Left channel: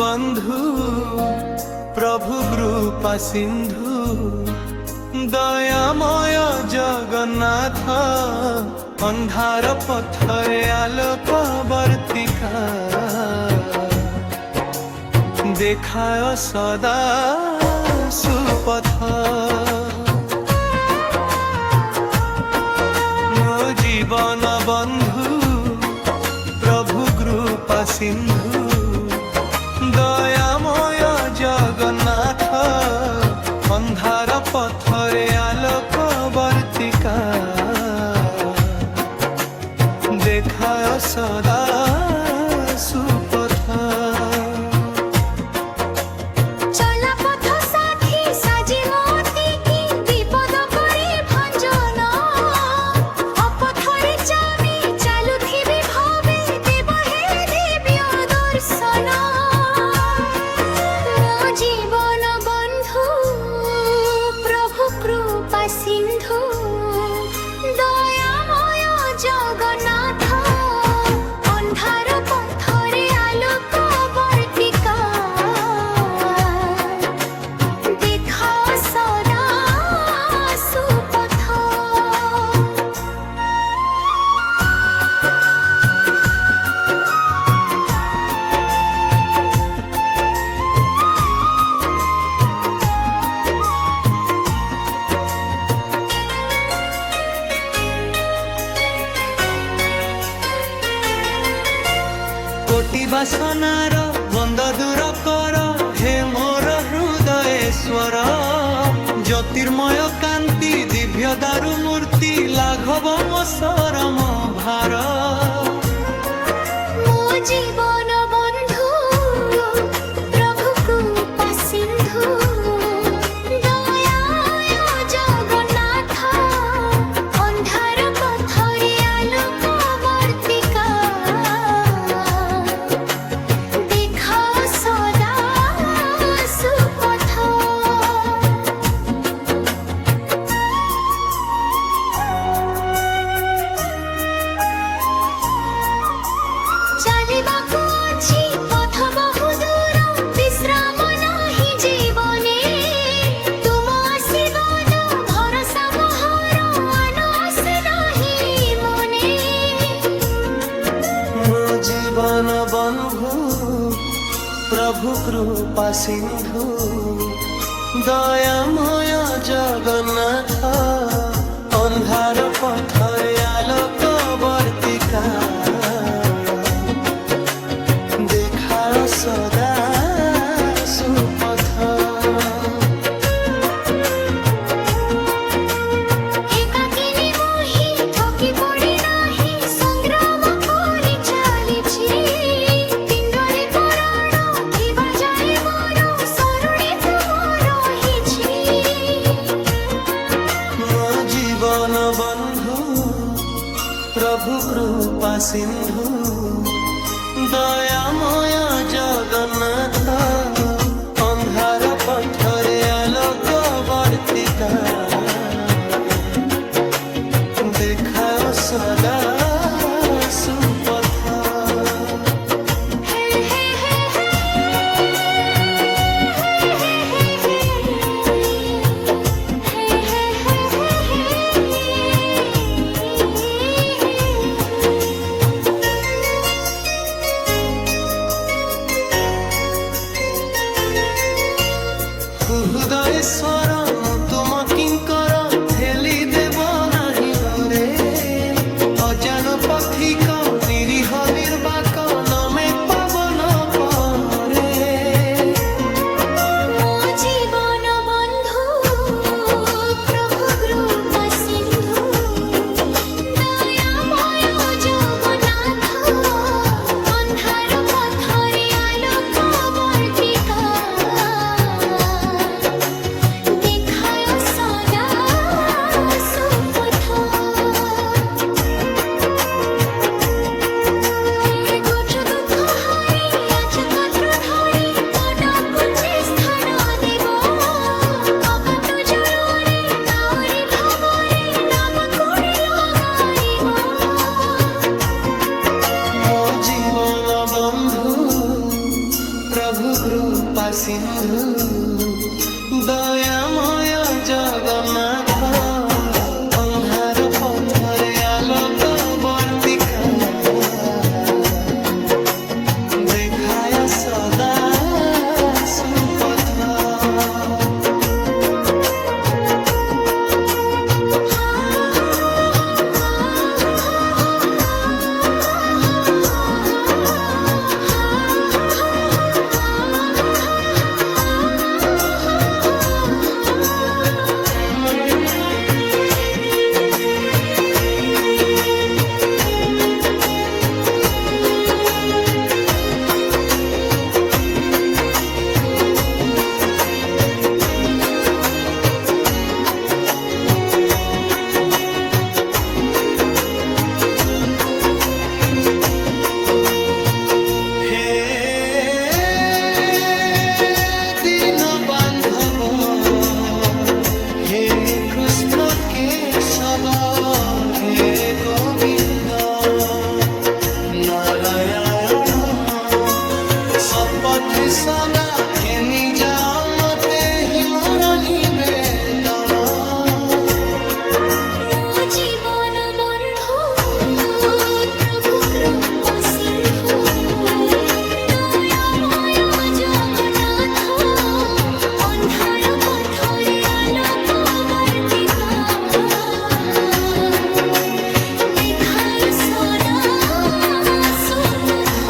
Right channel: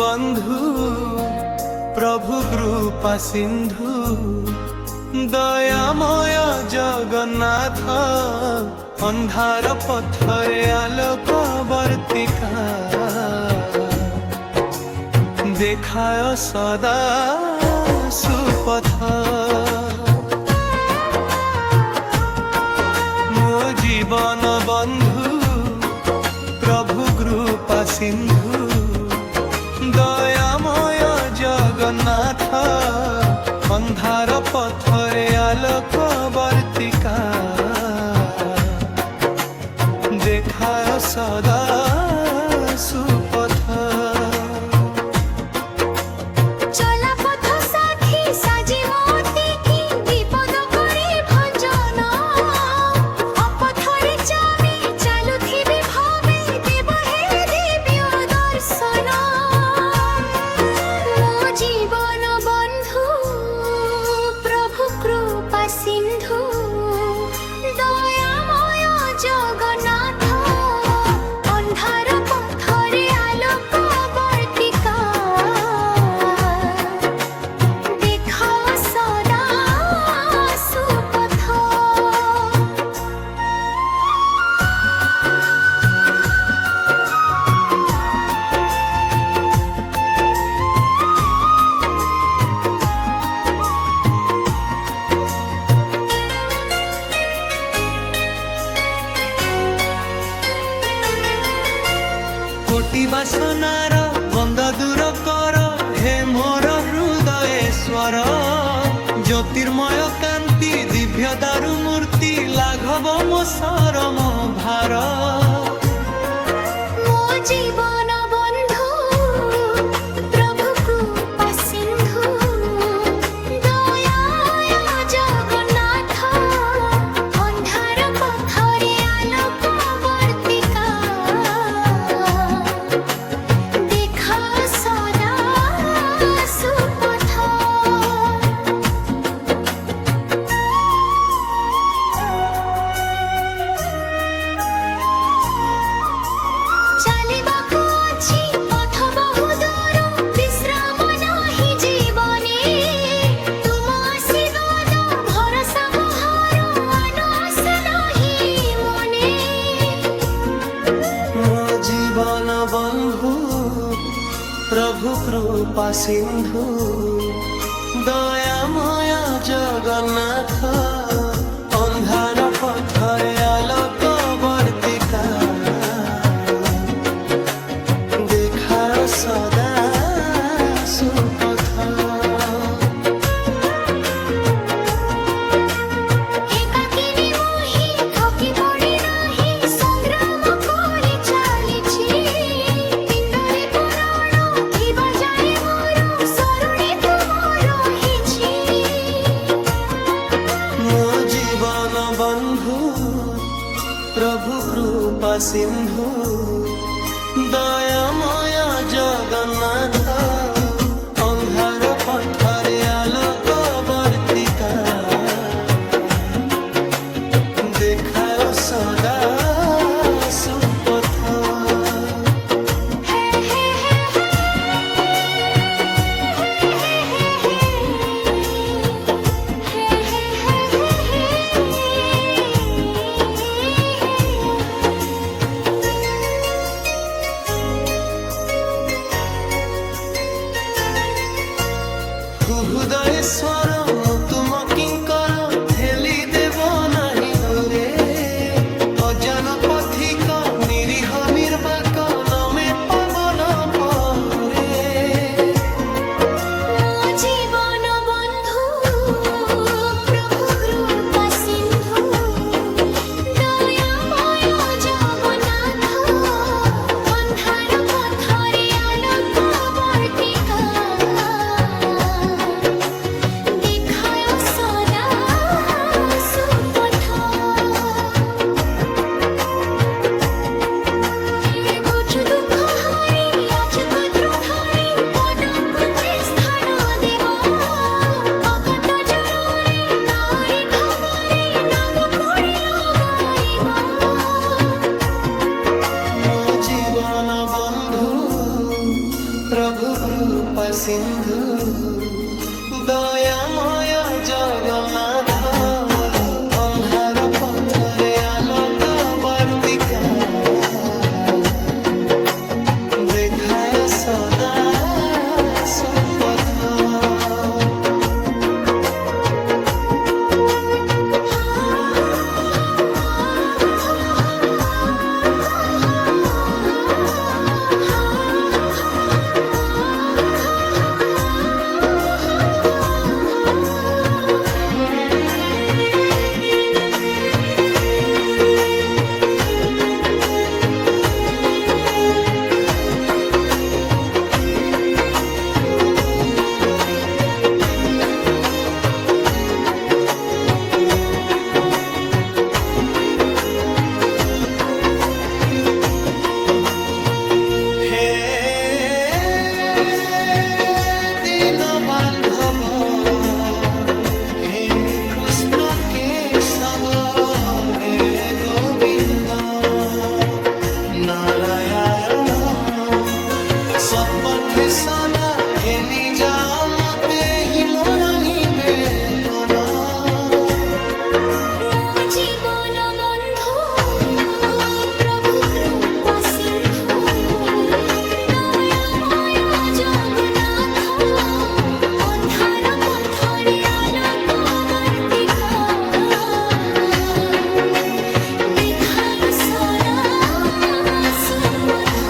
বন্ধু প্রভু কৃপা সিন্ধু দয়াময় জগন্নাথ ଅନ୍ଧାର ପଥରେ ଆଲୋକ ବର୍ତ୍ତିକା দেখায় সদা সুপথ ମୋ ଜୀବନ ବନ୍ଧୁ ପ୍ରଭୁ କୃପା ସିନ୍ଧୁ ଦୟାମୟ ଜଗନ୍ନାଥ ଅନ୍ଧାର ପଥରେ ଆଲୋକ ବର୍ତ୍ତିକା দেখায় সদা সুপথ কোটি বাসনার বন্ধ দূর কর হে মোর হৃদয়েশ্বর জ্যোতির্ময় কান্তি দিব্য দারু মূর্তি লাঘব মো শরম ভার ମୋ ଜୀବନ ବନ୍ଧୁ ପ୍ରଭୁ କୃପା ସିନ୍ଧୁ ଦୟାମୟ ଜଗନ୍ନାଥ ଅନ୍ଧାର ପଥରେ ଆଲୋକ ବର୍ତ୍ତିକା দেখাও সদা সুপথ ଚାଲିବାକୁ ଅଛି ପଥ ବହୁ ଦୂର ବିଶ୍ରାମ ନାହିଁ ଜୀବନେ ତୁମ ଆଶୀର୍ବାଦ ଭରସା ମୋହର ଆନସ ନାହିଁ ମନେ ମୋ ଜୀବନ ବନ୍ଧୁ ପ୍ରଭୁ କୃପା ସିନ୍ଧୁ ଦୟାମୟ ଜଗନ୍ନାଥ ଅନ୍ଧାର ପଥରେ ଆଲୋକ ବର୍ତ୍ତିକା দেখায় সদা সুপথ একাকিনী মোহি থকি পড়ি নাহি সংগ্রাম করে চালিছি পিণ্ডরে পরাণ থিবা যায় মোর শরণে তুম রহিছি ମୋ ଜୀବନ ବନ୍ଧୁ ପ୍ରଭୁ କୃପା ସିନ୍ଧୁ ଦୟାମୟ ଜଗନ୍ନାଥ ଅନ୍ଧାର ପଥରେ ଆଲୋକ ବର୍ତ୍ତିକା দেখায় সদা সুপথ হে হে হে হে হে হে হে হে হে হৃদয়েশ্বর ମୁଁ ତୁମ କିଙ୍କର ଠେଲି ଦେବ ନାହିଁ ଦୂରେ ଅଜାନ ପଥିକ ନିରୀହ ନିର୍ବାକ ନମେ ପାବନ ପରେ ମୋ ଜୀବନ ବନ୍ଧୁ ପ୍ରଭୁ କୃପା ସିନ୍ଧୁ ଦୟାମୟ ଜଗନ୍ନାଥ ଅନ୍ଧାର ପଥରେ ଆଲୋକ ବର୍ତ୍ତିକା দেখায় সদা সুপথ প্রভু কৃপা সিন্ধু দয়াময় জগন্নাথ ଅନ୍ଧାର ପଥରେ ଆଲୋକ ବର୍ତ୍ତିକା ଦେଖାୟ ସଦା ସୁପଥ হে দীন বান্ধব হে কৃষ্ণ কেশব হে গোবিন্দ নারায়ণ সৎপথে সদা ঘেনি যাও মতে হিমর নিবেদন ମୋ ଜୀବନ ବନ୍ଧୁ ପ୍ରଭୁ କୃପା ସିନ୍ଧୁ ଦୟାମୟ ଜଗନ୍ନାଥ ଅନ୍ଧାର ପଥରେ ଆଲୋକ ବର୍ତ୍ତିକା ଦେଖାୟ ସଦା ସୁପଥ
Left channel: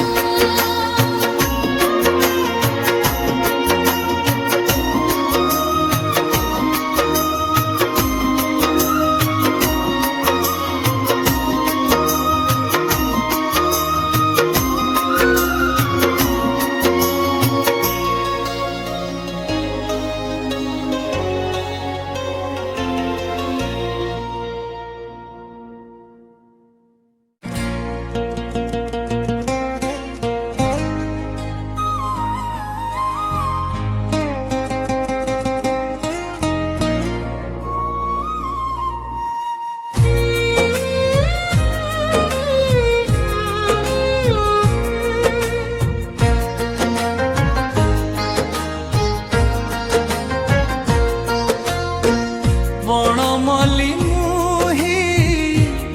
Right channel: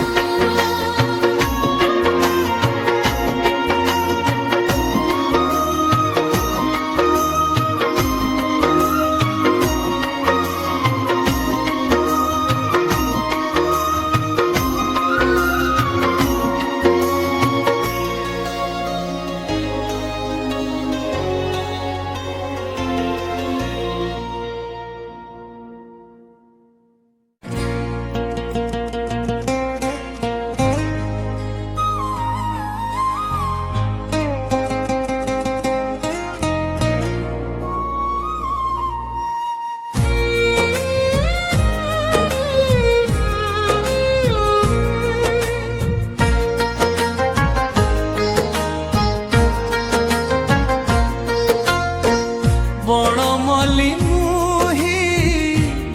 বনমলি মুহি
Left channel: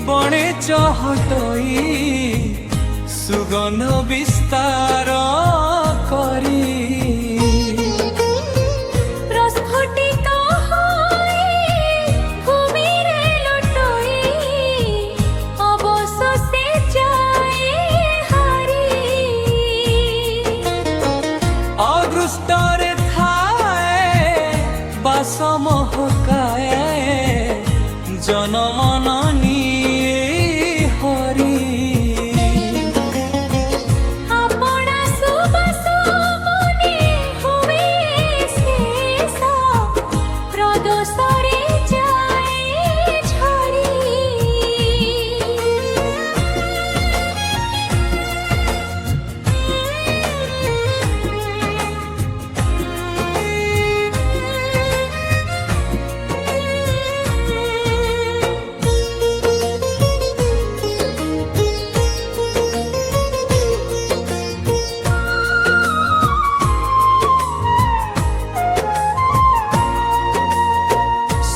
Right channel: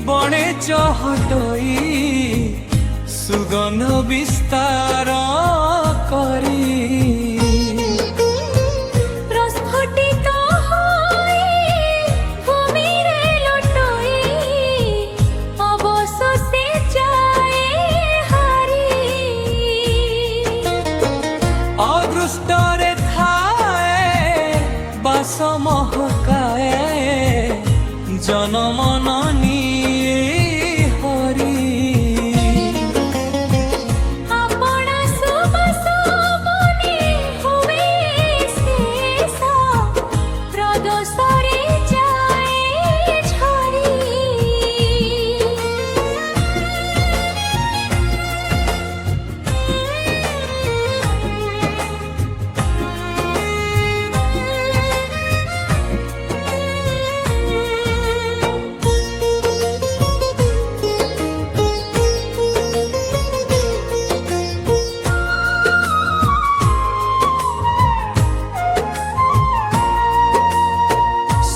বনে চহটই সুগন্ধ বিস্তার করি প্রস্ফুটিত হই ভূমিরে লুটই অবশেষে যায় হারি অদৃষ্টরে থায়ে বাস মহকায়ে জনমন নিয়ে হরি আপনা সুবাস মনে হুয়ে শেষ প্রদোষরে যায় ঝরি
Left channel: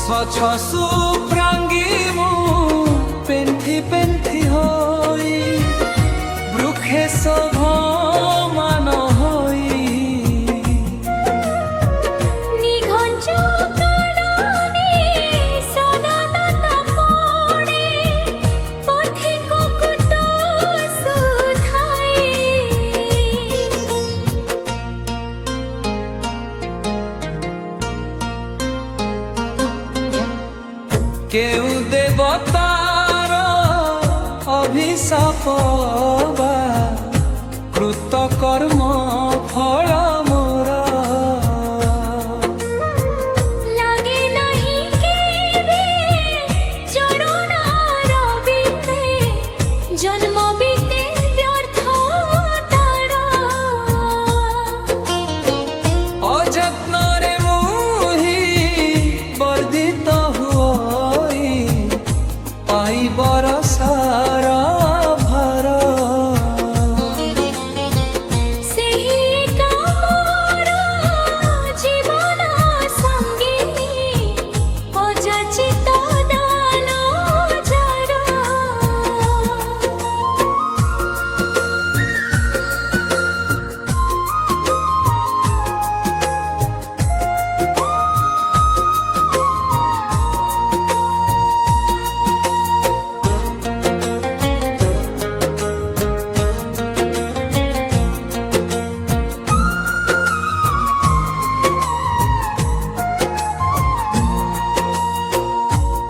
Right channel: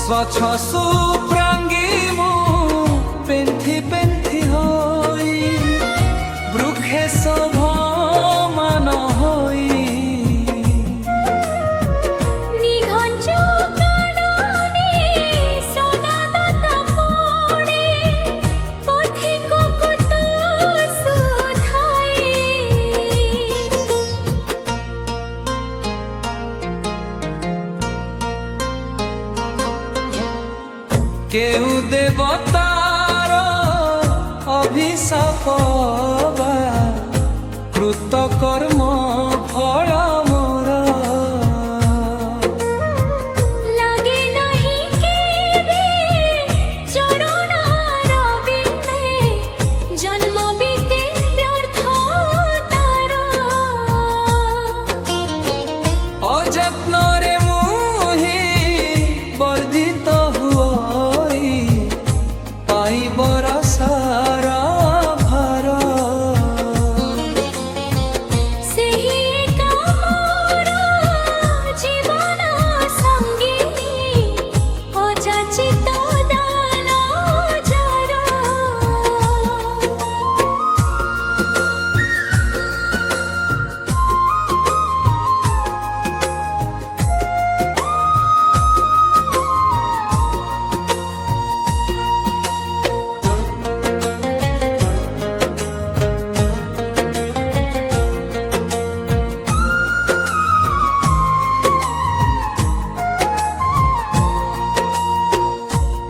স্বচ্ছ সুপ্রাঙ্গী মু পেন্থি পেন্থি হই বৃক্ষে শোভমান হই নিঘঞ্চ কাননে সদা দাতা পড়ে পথিক কুত সুধাই কেউ দেবতার অভিশাপ বা কৃতকর্ম ফল মোর লাগে নাহি কেবে চরণার বিন্দে জন্ম বিতে ব্যর্থ তার অযত্নরে মুহি বর্ধিত হুই পাইবর সার ভার ସେହି ଏକା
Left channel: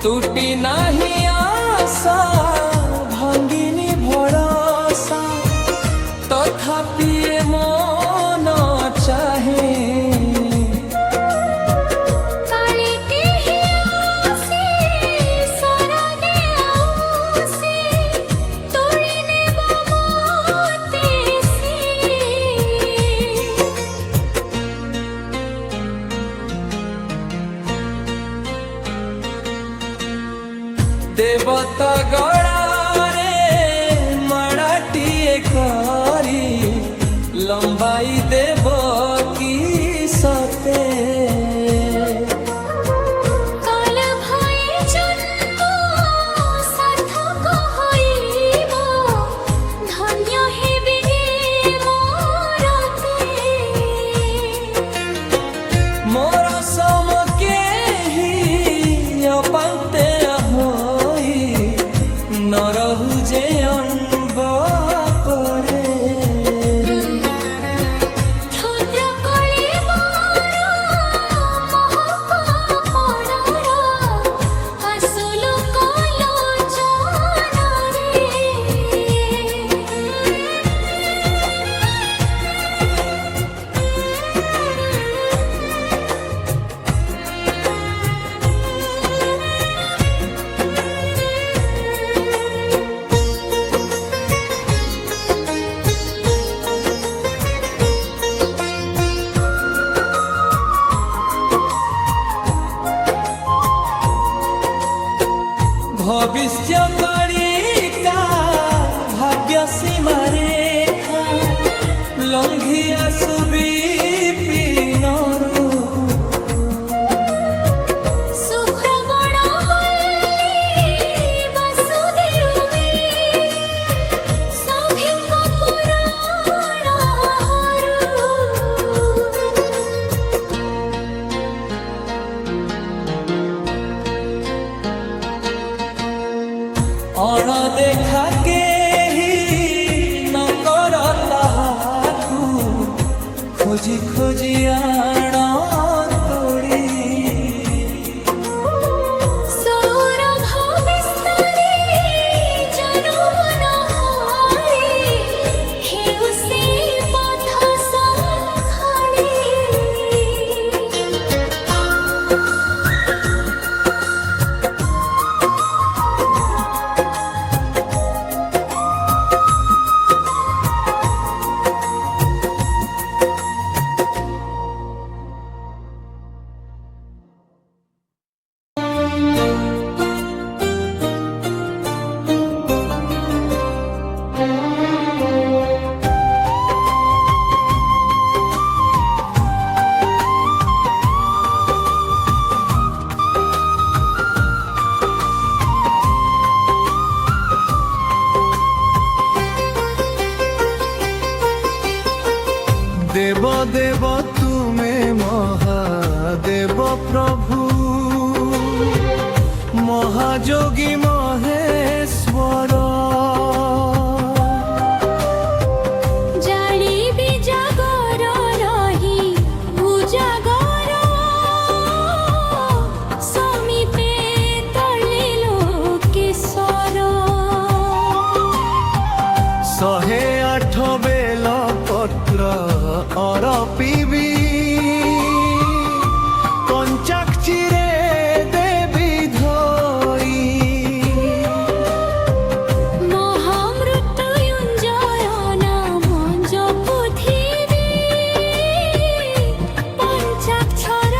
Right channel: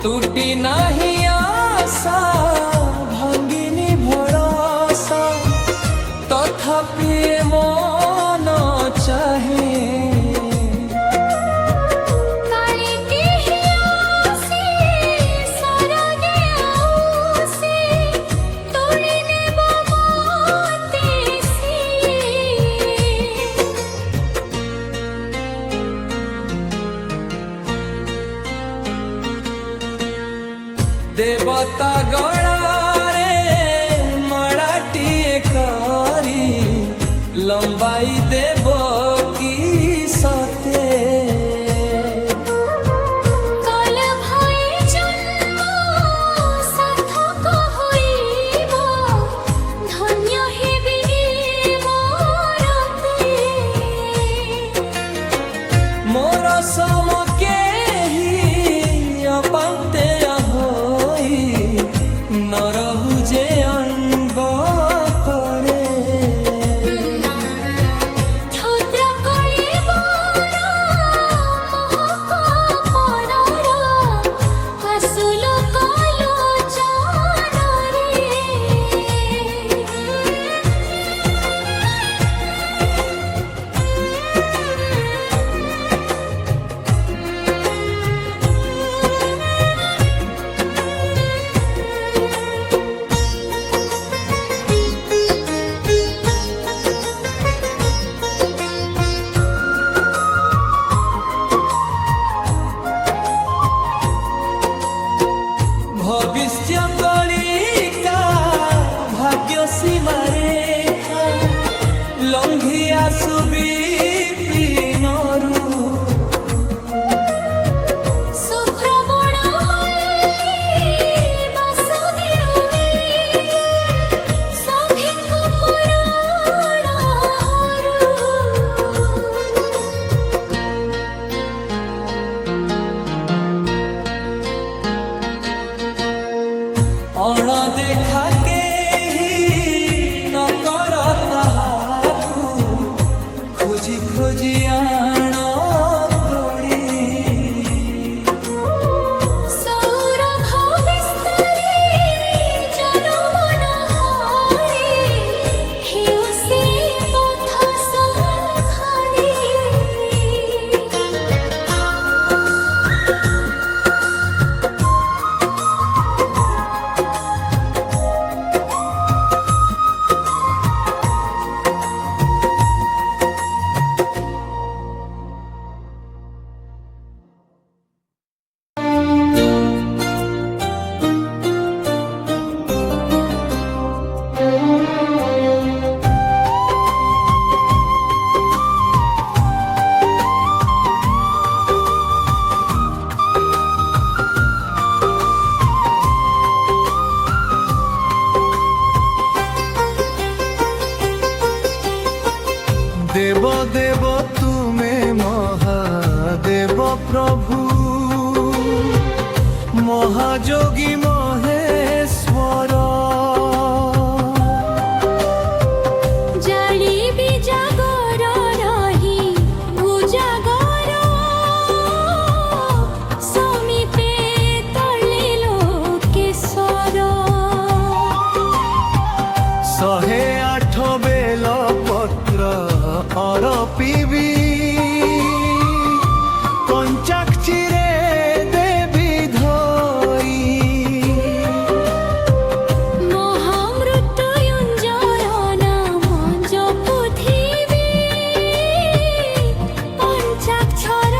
टूटी नाही आशा भांगिनी भरोसा तथापि ए मन चाहे काले केही आसे सरागे आउसे तोड़ी नेब मोते से देवता गड़ारे मराठीए करी लंबाई देव की सते काल भय जन्म सार्थक होइब धन्य हेबे मोरते मोर सम केही अपांते होई न रहु जे अनब करे क्षुद्र कळेबर महक पडर हसुल कलोचनरे भविष्य कलिका भाग्य सीमा रेखा लंघी आसुबी पिनरू सुप्रबण मल्ली वासुदेव मिले सभिंक पुराण हरु अणदेखा केही न कर ताहाकू खोजी खोजी आण तोड़ी सौरभ विस्तारे जनमन हरे हेउ से पथ संखाळे देव देव तुम्हें महादेव प्रभु महाजोगी महेश्वर जालिबी जागर रही उजागर समीपे तले लोकेश्वर 108 बेल पत्र अरपिबी पंचाक्षीरे देवी धोई महामृत्युंजय नाम जपुथिबी पंचाक्षर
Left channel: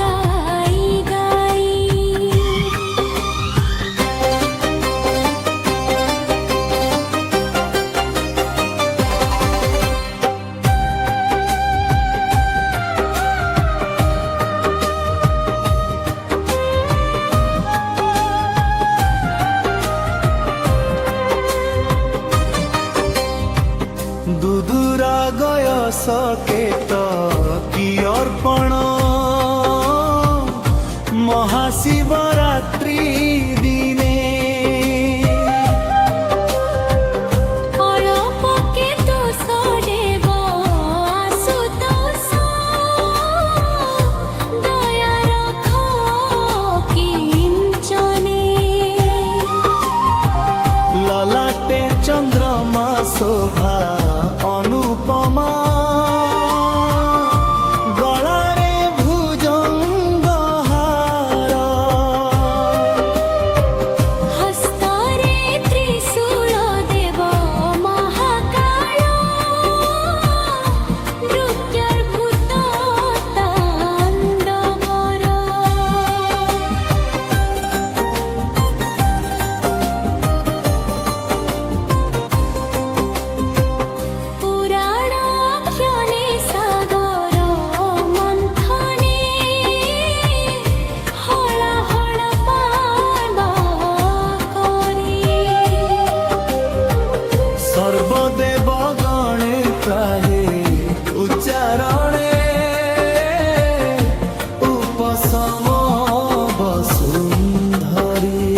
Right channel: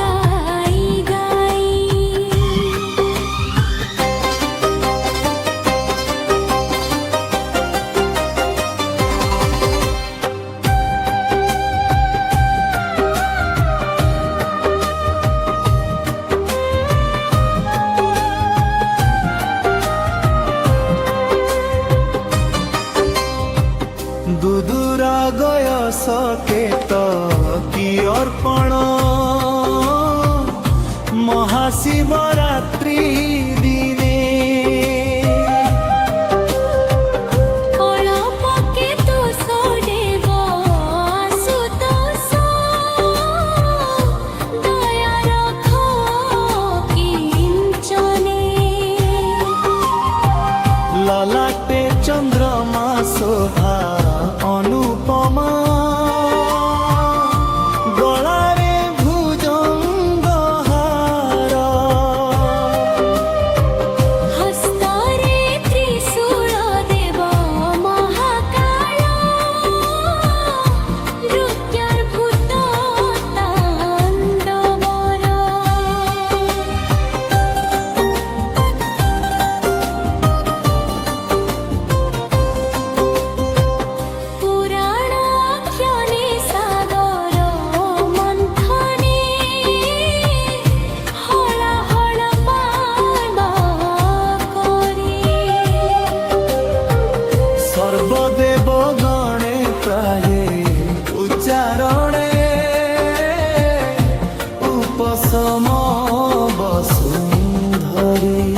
गाई गाई दुदुरा गय सकेत की अर्पण महाशिवरात्रि दिने अळपके तो सडेव आसुतोष दया रख किंचन চন্দ্রমা শোভা অনুপমা গলারে ভুজঙ্গ হার হস্তরে ত্রিশূল দেব মহাকাল নৃত্যর ভূত তাণ্ডবর পুরাণ ক্ষণে সাগর মন্থনে হলা হলা পার্বা করি সর্বদেব গণে প্রায়ে উচ্চারণে উপশম বসুন্ধরি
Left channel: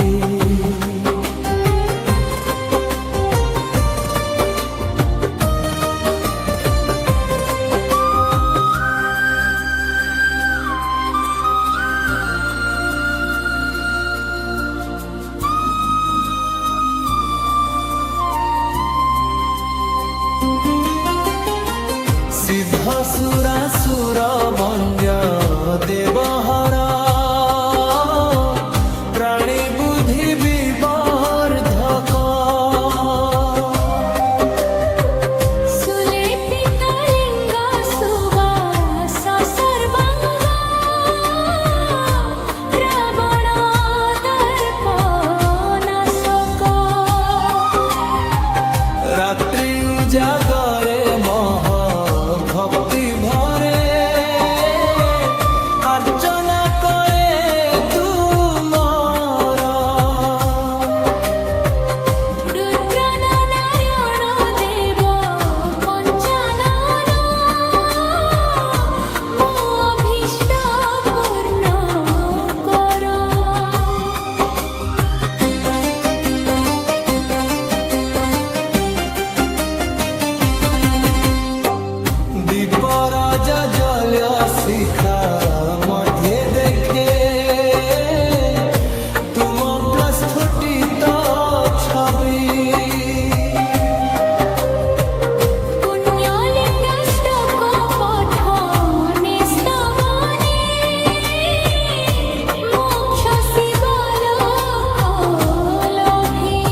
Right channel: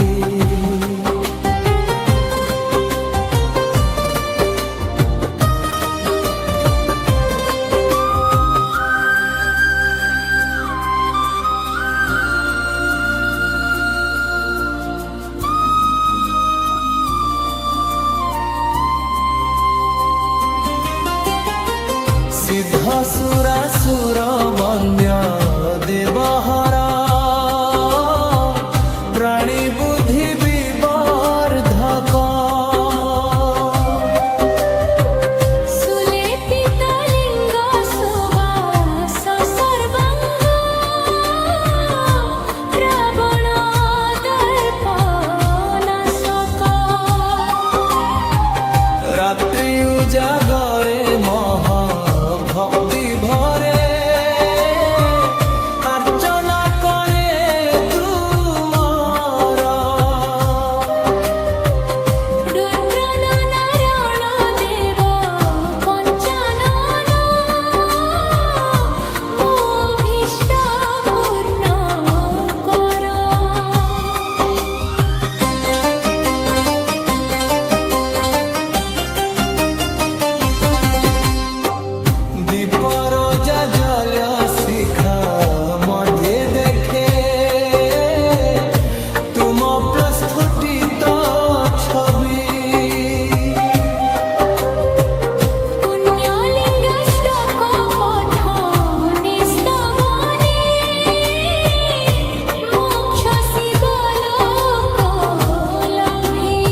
সিদ্ধ সুরাসুর বন্দ্য দেবহর প্রাণী বুদ্ধি বিবর্ধক সুলেপিত লিঙ্গ সুবাস সর্বাঙ্গ রাবণ দর্প নাশক রাত্রি উজাগরে মহ ভক্তি ভরে অর্চনা করে তুমর রুদ্র নারায়ণ দেব পঞ্চানন মো অভীষ্ট পূর্ণ কর দীপর জল শিখা মধ্যে দেখে তুম প্রস্ফুটিত ছবি পুণ্যলিঙ্গাষ্টক পঠনে স্তবনে মোক্ষ শিবলোক লভি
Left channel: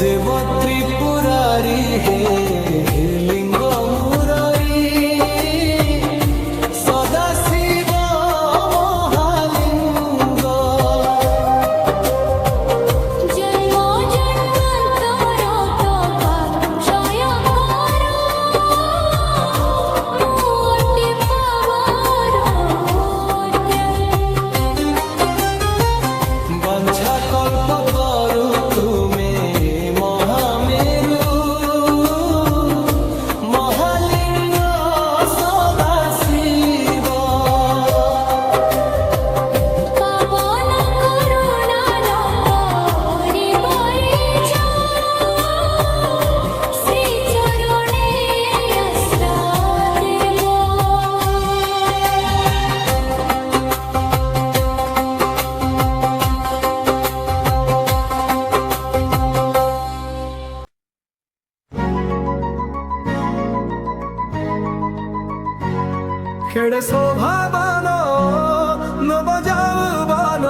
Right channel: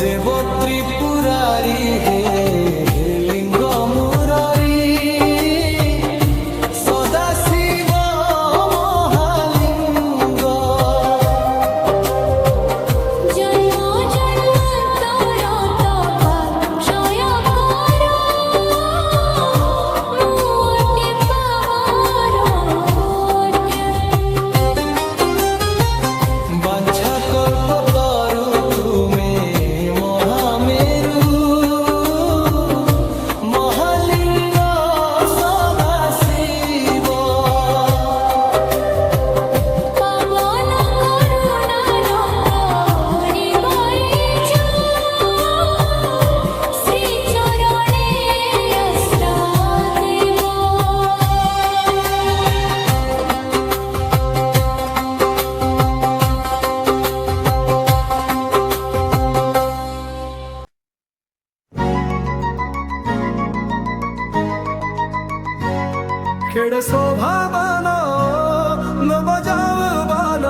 দেব ত্রিপুরারি হে লিঙ্গ মুরারি সদা শিব মহালিঙ্গ জন্ম জন্মান্তর তপাক ক্ষয় কর মুটি পাবর বাঞ্ছা কল্প তরু তুমে মহামেরু মহালিঙ্গ সদা শিব পাবন করুণা নকরি বরিচ শ্রী চরণে আশ্রা দেব খেড়ে শোভাবান নবযাবান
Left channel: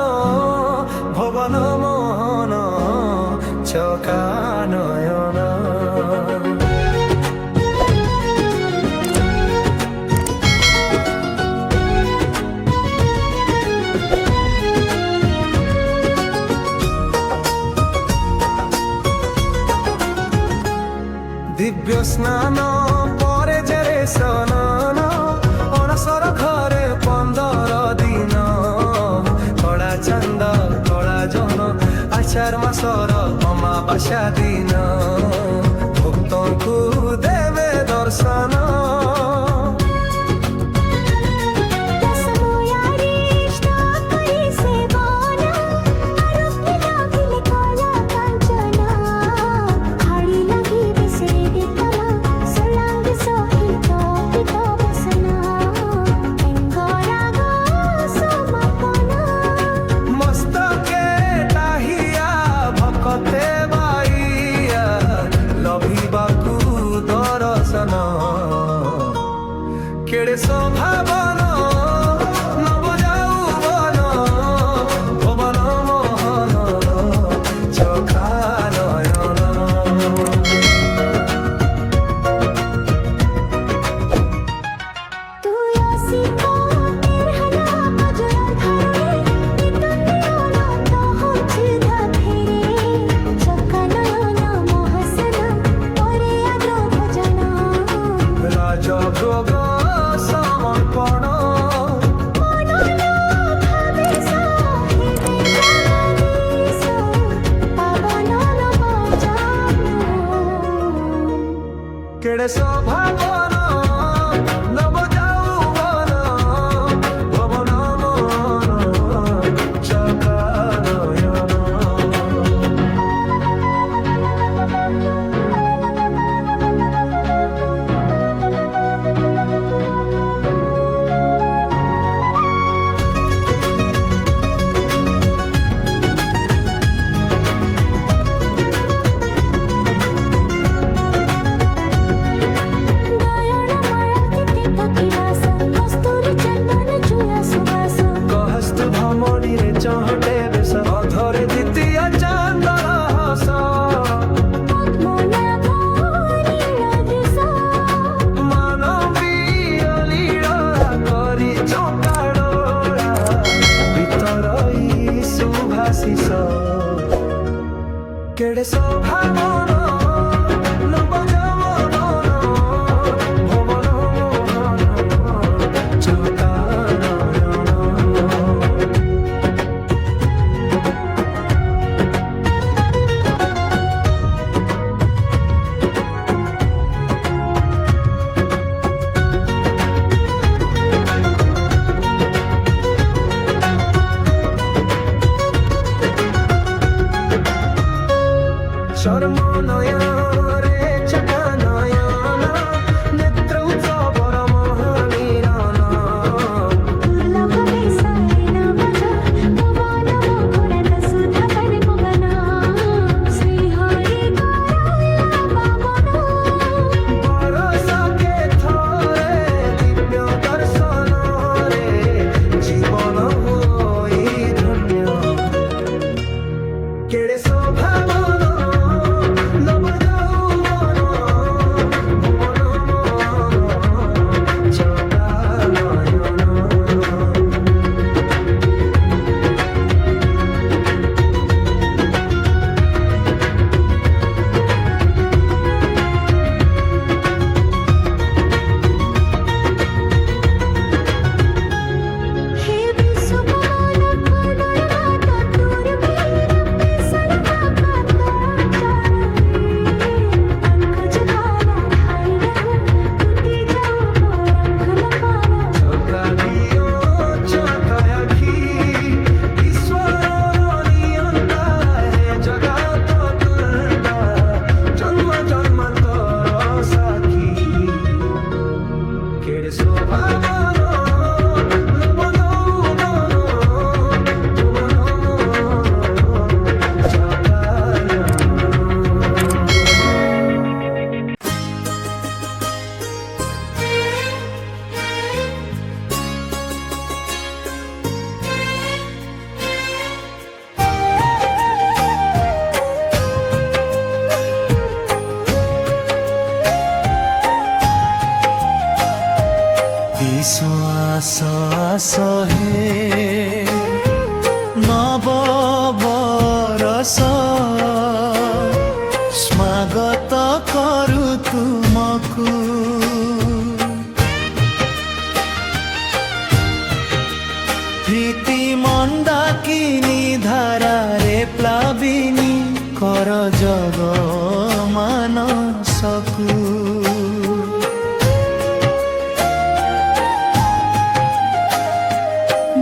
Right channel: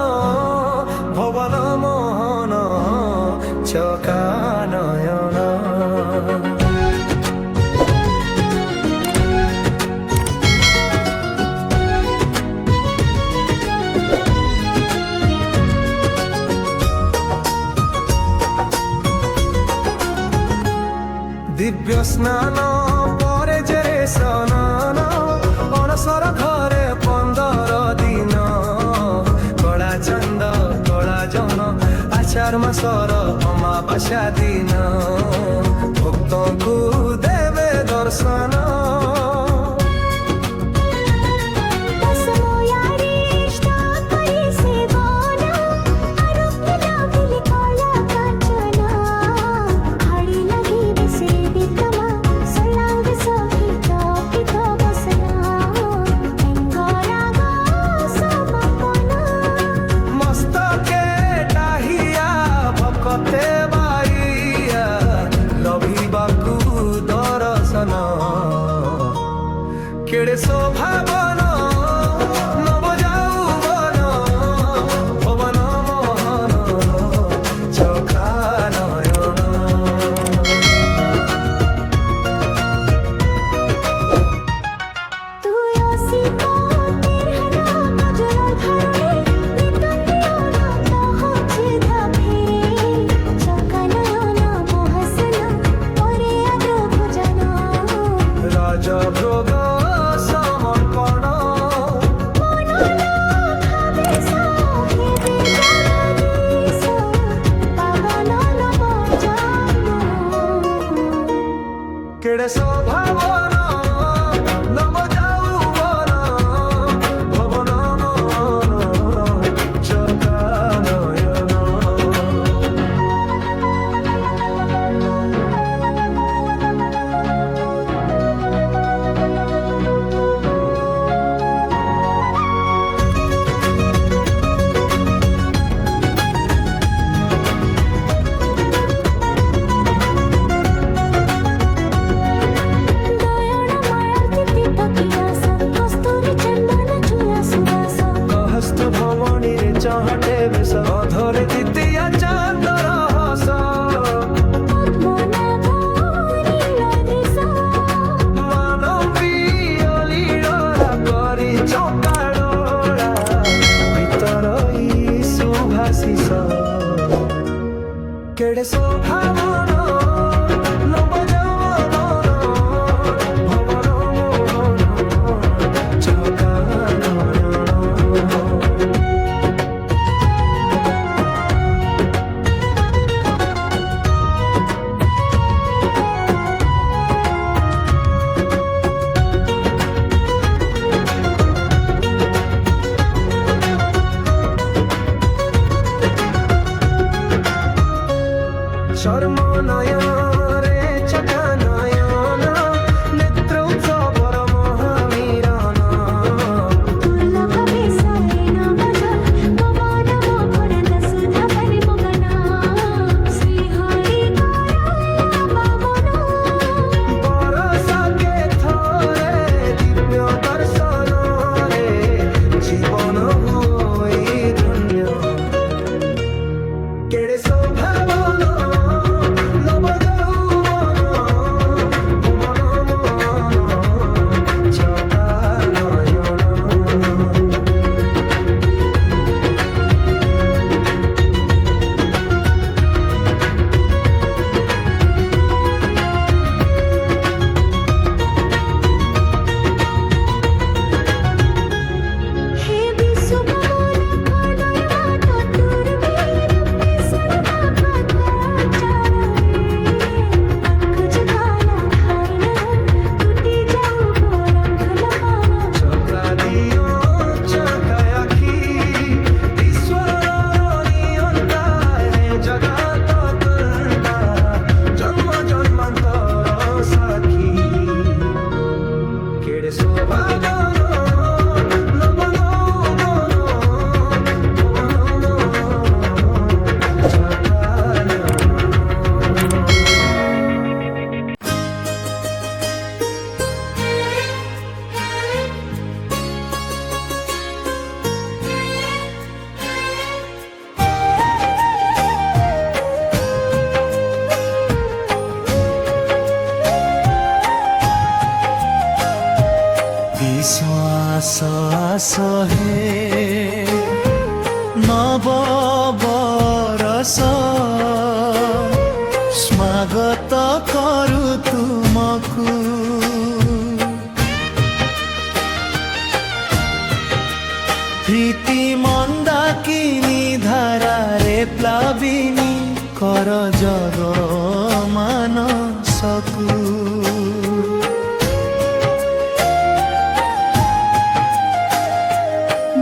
ভবন মোহন চকানয়ন দিব্য স্নান পরে যে রে স্নান অণসর ঘরে 15 দিন কলা চান্দ কলা জহন আচার মাসর অমাবাস্যা দিন ভক্তଙ୍କୁ দেবে দর্শন সহিত পিত বসনা ମତେ ବାଇଆ ଲଭିବାକୁ ଦରଶନ କେଡ଼େ ଶୋଭାବନ ନବ ଯାଉବନ ଭବନ ମୋହନ ଚକା ନୟନ তুই অসিপতের হলা গজল ধরণে নিতন্দিয়ন তহজিদা ফেরে চকানয়ন মহাসন পরে আদ্র ভোজন রাজভোগ সমর্পণ মনন ভাবে সাহেবে জগদীশ পাবন নব জানন কেড়ে শোভাবন নব যাউবন ভবন মন চকা নয়ন দয়ন মায়াতিতে তকিদাস কস্তুরি চন্দন চুয়া সুবাস কহস্তু ভ্রমণীরে চহটে বেশ অধরে দ্বিতীয় চান্দর হস পদ্মনাভ নীল দৃশ মানবীয় লীলা করি চকাড়োড়া ভিতরই সুভাষিস কেড়ে শোভাবন নব যৌবন ভবন মোহন চকা নয়ন চর্ম নয়রে চকা নয়ন নেত্র উৎসবর মহামিরন দুর্লভ বেশায় না বজল পবন মোঘরন্দ সুধাপনে মগনা শ্রীহরি করালা বামন বরষকে থরে দিব্য দর্শন রে জীবন হুই ধন্য কেড়ে শোভাবন নব যৌবন ভুবন মন চকা নয়ন হে বিশ্বপবন খণ্ডর বাট তোর বীর পেশর কাকা চালে पंख जकाला ठाई न टूटी जाऊ पंख लपाला চকা দিও চকা আখি ঈশ্বর নিয়ন্তা হে জগত তন্তা জন্ম জন্মান্তর সাক্ষী কেড়ে শোভাবন নব যৌবন ভুবন মন চকা নয়ন বিশ্বাস হে নব বরষ স্বাগত করু তুমকু প্রীতি মন্দাকিনী ধারারে প্লাবিনী কর জগ মানসকু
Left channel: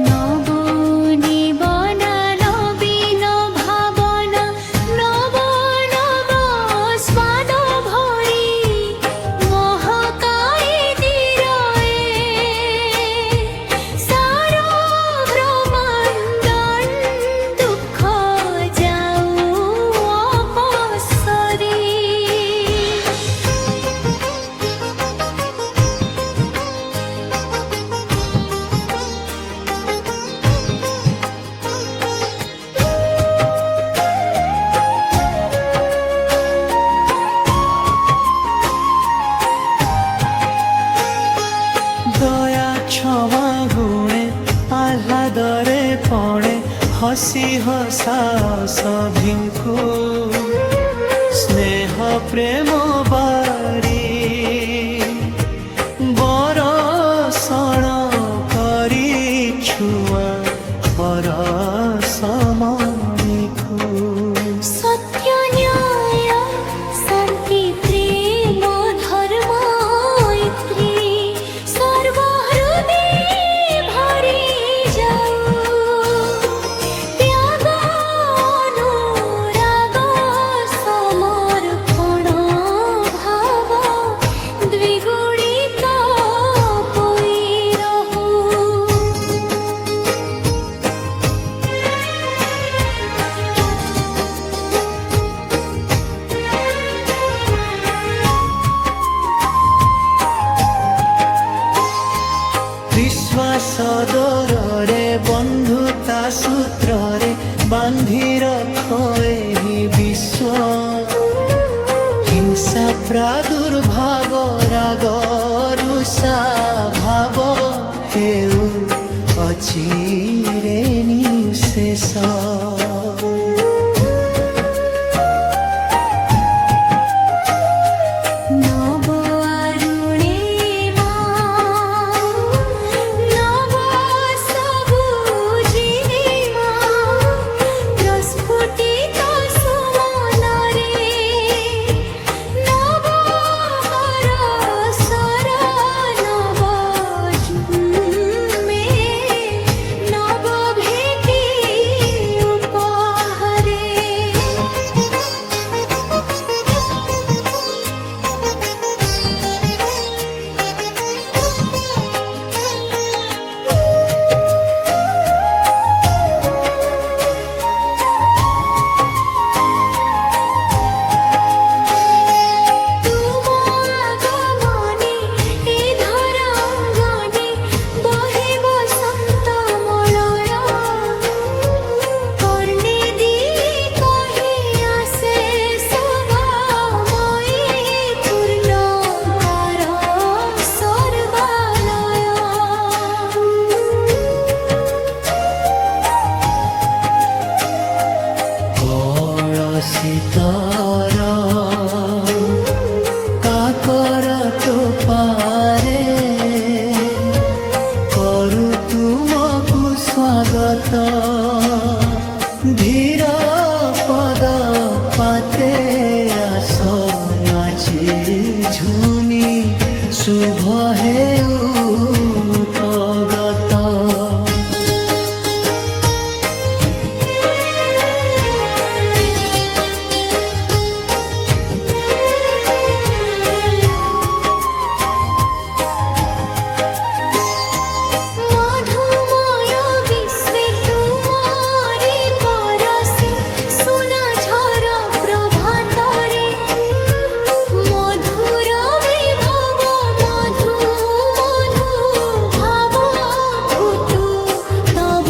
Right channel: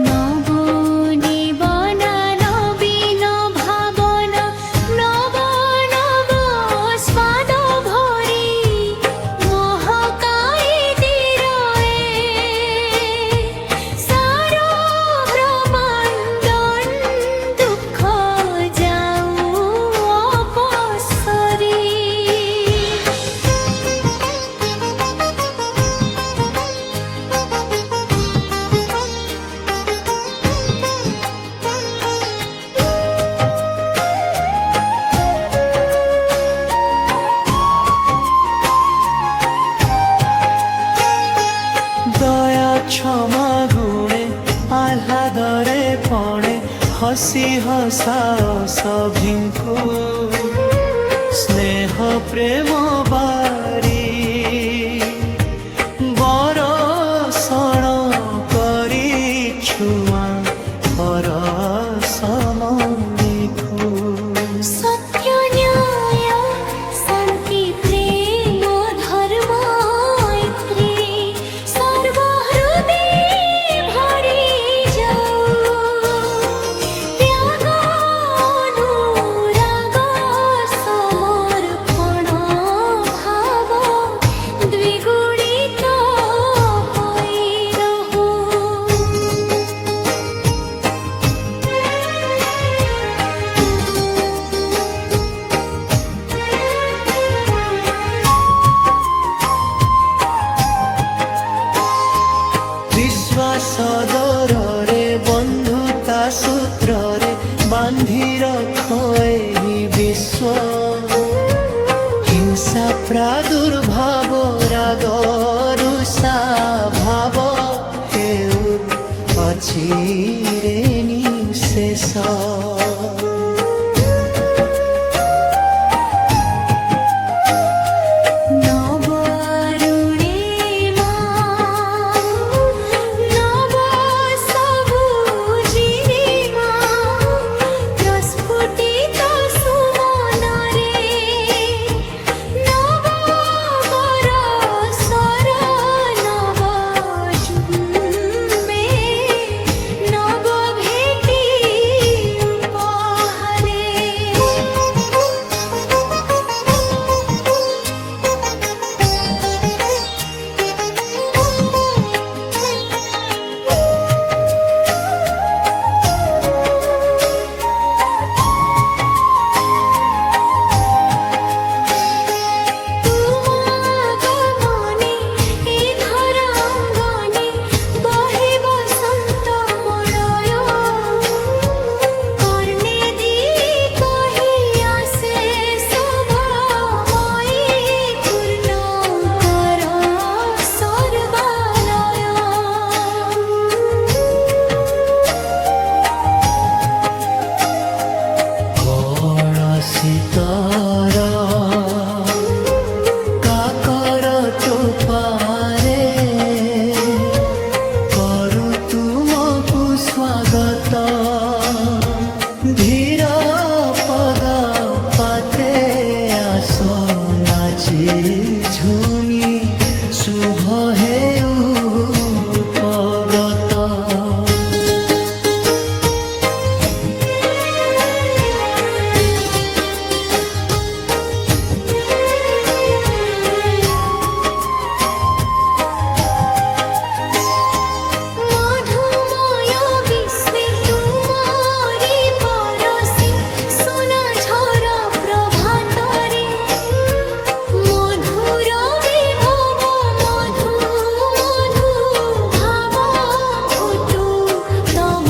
নব নিবনা নবীন ভাবনা নব নব স্বাদ ভরি মহাকাই দিরয়ে সার ব্রহ্মাণ্ডন দুঃখ যাও ହସି ହସାଅ ସଭିଙ୍କୁ ସ୍ନେହ ପ୍ରେମ ବାରି ବରଷଣ କରି ଛୁଆଁ ପରଶମଣିକୁ সত্য ন্যায় শান্তি প্রেম ধর্ম মৈত্রী সর্বহৃদে ভরি যাও ত্যাগ অনুরাগ সমর্পণ ভাব দ্বিগুণিত পই রহু ବିଶ୍ୱାସ ଡୋରରେ ବନ୍ଧୁତା ସୂତ୍ରରେ ବାନ୍ଧି ରଖ ଏହି ବିଶ୍ୱ ହିଂସା ପ୍ରାଦୁର୍ଭାବ ରାଗ ରୁଷା ଭାବ ହେଉ ଅଛି ରେ ନିଶେଷ নব অরুণিমা নব সবুজিমা প্রস্ফুটিত সুমনরে নব বরষর নব জন্মে নব ভেটি উপহারে তুম আগমনে এ ধরাঙ্গনে বহে বসন্ত মলয় কর্ণে দি কহি আসে শোভাময়ী পূর্ণ কর সর্বালয় କଳସିତର କାକର ଚୋପାରେ କରୁ ତୁମକୁ ସ୍ୱାଗତ ଧୀର ପଦ ପାତେ ଆସ ନାଚି ଝୁମି ଶୁଭ ହେଉ ଉପଗତ মধুময় বিশ্বে তুমারি পরশে সোনা ঝর প্রভাতরে মধুর বিভব মধু মধু ভাব ফুটু তব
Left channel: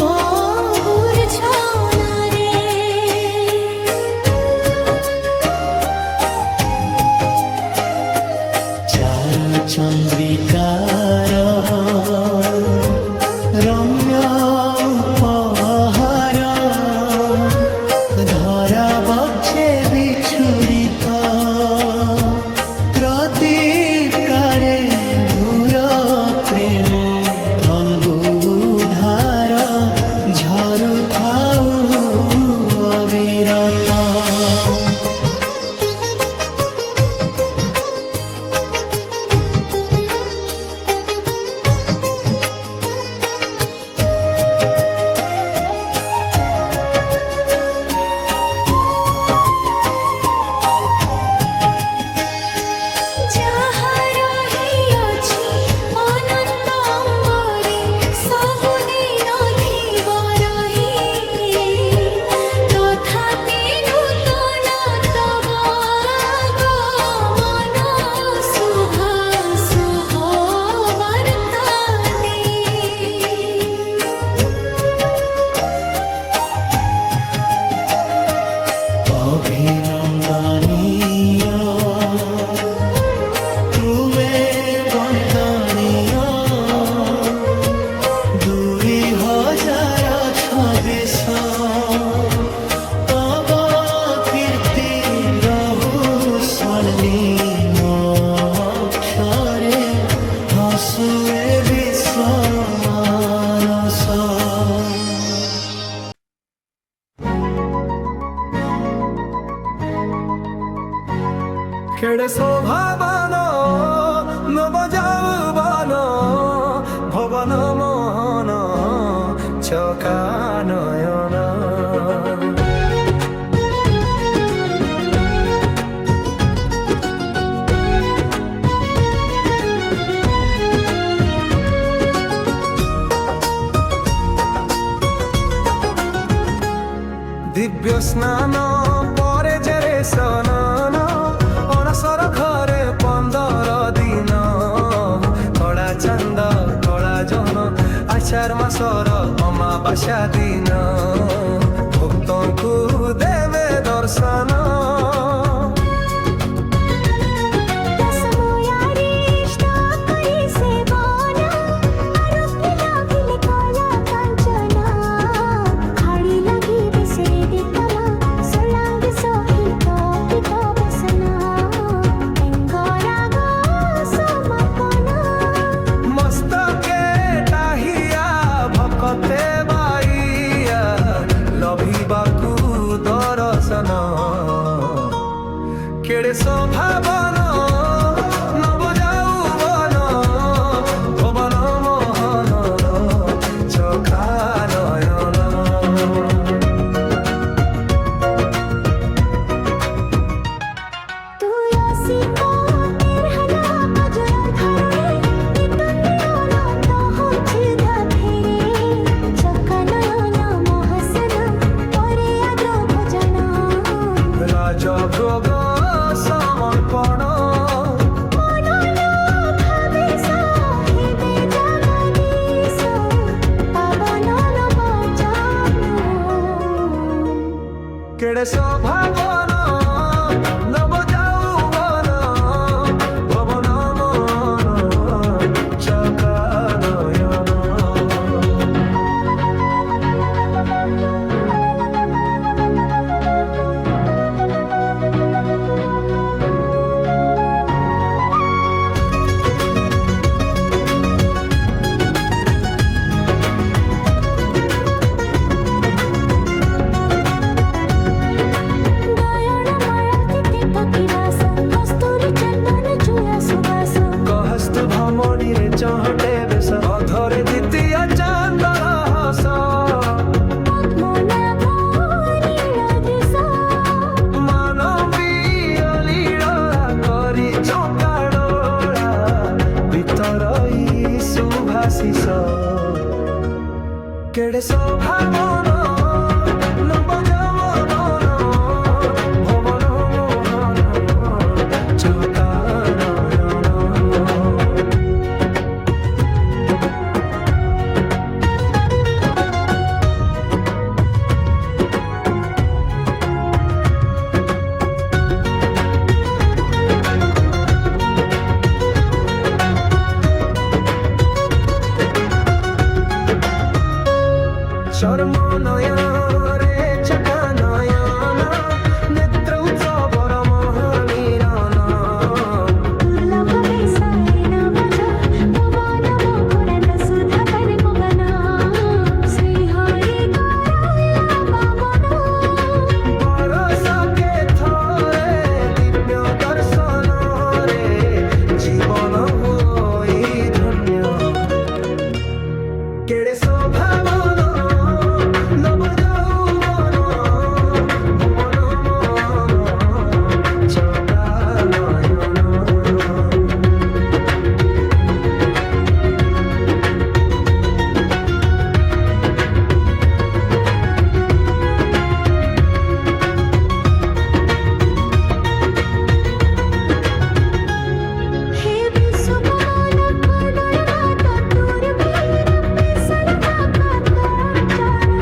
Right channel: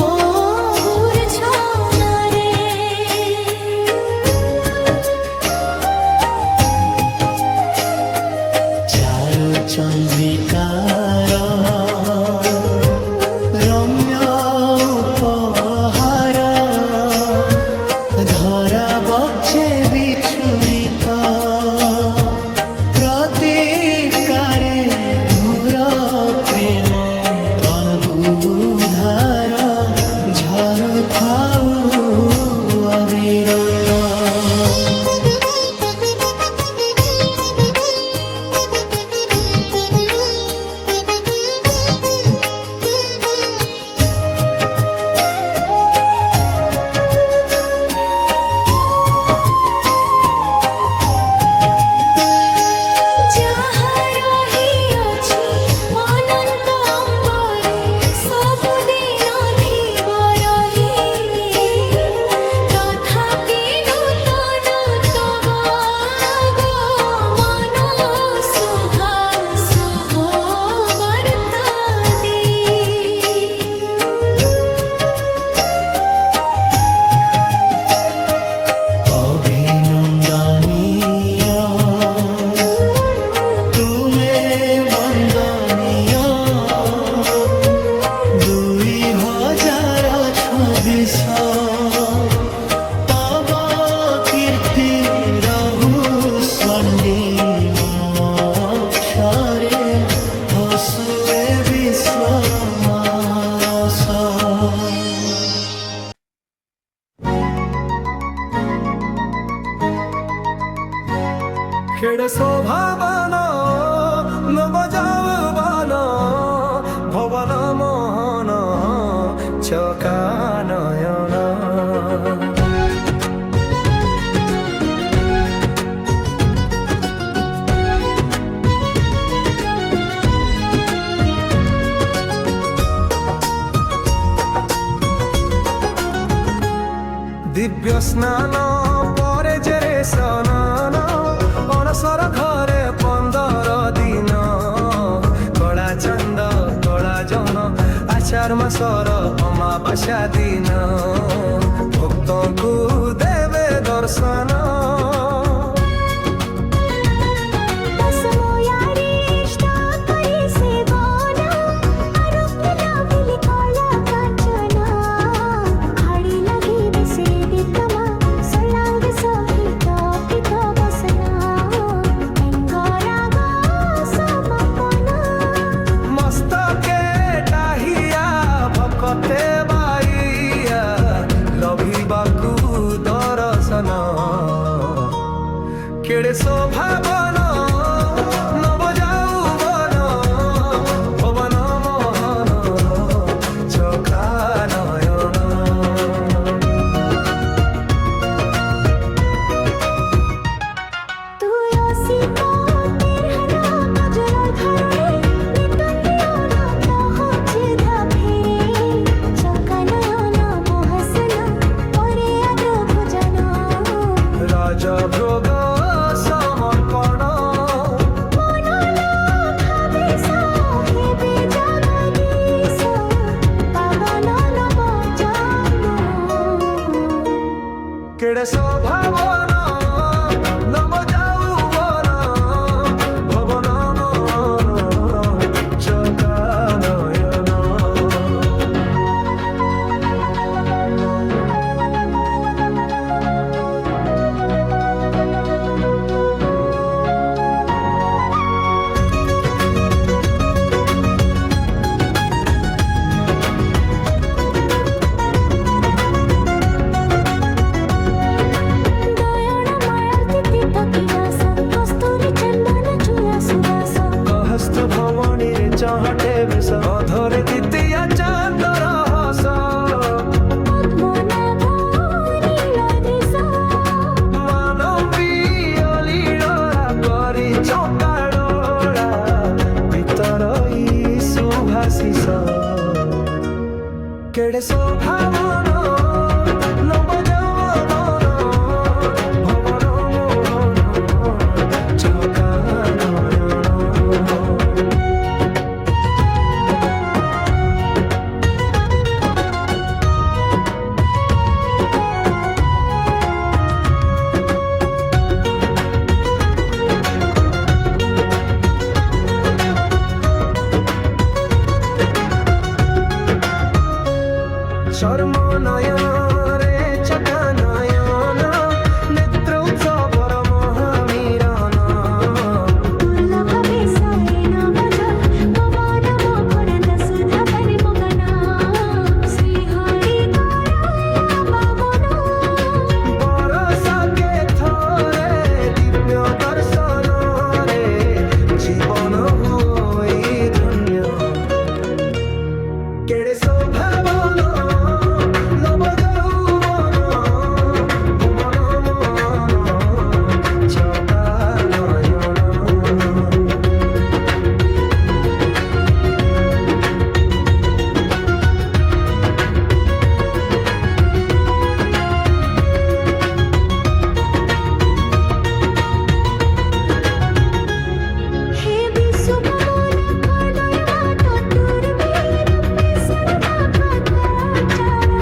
মূর্ছনারে চারু চন্দ্রিকার রম্য উপহার ধরা বক্ষে বিছুরিত প্রতীকারে ভূর প্রেম তন বুধার ঝরু থাউ অবিরত যাহা রহিଅଛି ଅନନ୍ତ ଅମ୍ବରେ ସବୁଦିନ ଥିବ ରହି ତଥାପି ନୂତନ ତବ আগমନ ଶୁଭ ଶୁଭ ବାର୍ତ୍ତା ଦେଇ অভিনন্দনীয় তুমে বন্দনীয় 2026 দিছ তব কীর্তি রহু স্বর্ণিম অক্ষরে হসুয়ে বিশ্ব মানস खेड़े शोभावन नवजावन भवन मोहन चकानयन दिव्य स्नान परे जेरे स्नान अणसर घरे 15 दिन कला चंद कला जन आचार मासर अमावास्या दिन भक्त को देवे दर्शन दशमयारिष्ट करी सेवन आरोग्य लाभिले कला काञ्चन खडी लागि बिसरे दितमा सर्लाङ्ग सहित पित बसना अङ्गराग समापन मस्तके डाहिया भकते बाइया लभिबाकु दर्शन केड़े शोभावन नवजाउवन भवन मोहन चकानयन তুই অসিপতের হানা অজয় ধরণী নিতন্যন তহজিদ ফেরে চকানয়ন মহাসন পরে আদ্র ভোজন राजा भोग समर्पण মনোলোভাবেশ হেবে জগদীশ পাবন নবজনন केड़े शोभावन नवजाउवन भवन मोहन चकानयन দয়ন মায়াতিতে তকিবাস কস্তুরী চন্দন চুয়া সুবাস कहस्तु भमणी रे चहटे बेस अधरे द्वितीय चांदर हस পদ্মনাভ নীলদৃশ मानवीय लीला करी चौकाडोळा भितरई सुभाशिष केड़े शोभावन नवजावन भवन मोहन चकानयन चर्म नयरे चकानयन नेत्र उत्सवर महामिलन দুর্লভ বেশায়ন বদল পবন মোঘরন্দ সুধা পানে মগনা শ্রীহরি করালা বামন बरस के थरे दिव्य दर्शन रे जीवन हुई धन्य केड़े शोभावन नवजाउवन भुवन मोहन चकानयन হে বিশ্বকমল খণ্ডর বাট তোর বীর পেশর পাখা চাড়ে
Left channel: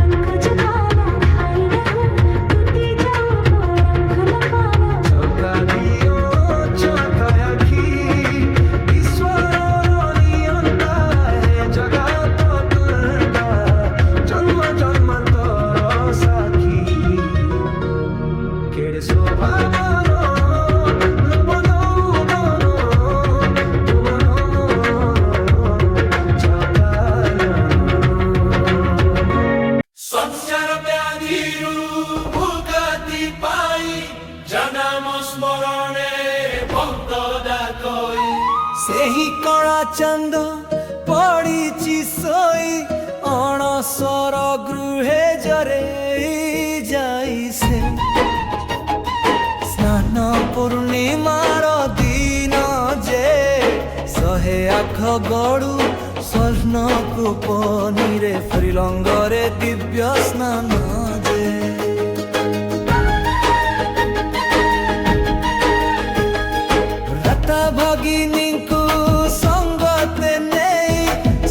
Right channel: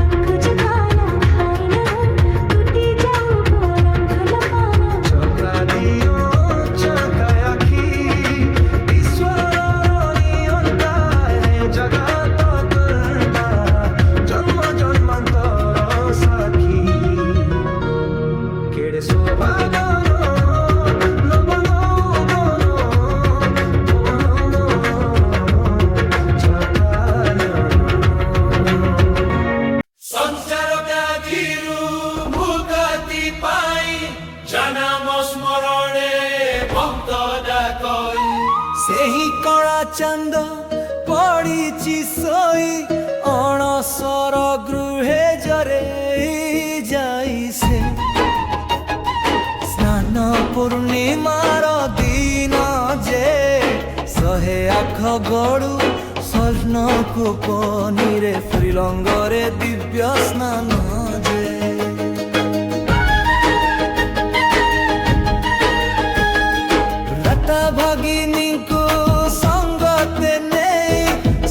অঙ্ক জকালা ঠাই নহু টুটি যাও বরঙ্ক লপালা चका दियो चका आखी ईश्वर नियंता है जगत तंता জন্ম জন্মান্তর সাক্ষী কেড়ে শোভাবন নব নৌবন ভুবন চকানন সঞ্চার ব্যাধিরু মুক্তি পাই জনম স্মরণে ভক্ত ডাকই ସେହି କଳା ଚାନ୍ଦ ପଡ଼ିଛି ଶୋଇ ଅଣସର ଗୃହେ ଜରେଇ ଯାଇ ସେ ସ୍ନାନ ପୂର୍ଣ୍ଣିମାର ଦିନ ଯେ ଶହେ ଆଠ ଗଡ଼ୁ ସ୍ୱର୍ଣ୍ଣକୁ ପନିରେ ଶ୍ରୀଲଙ୍ଗରେ ଦିବ୍ୟ ସ୍ନାନ ଯେ ରତା ଭଗିନୀଙ୍କୁ ସଙ୍ଗତେ ନେଇ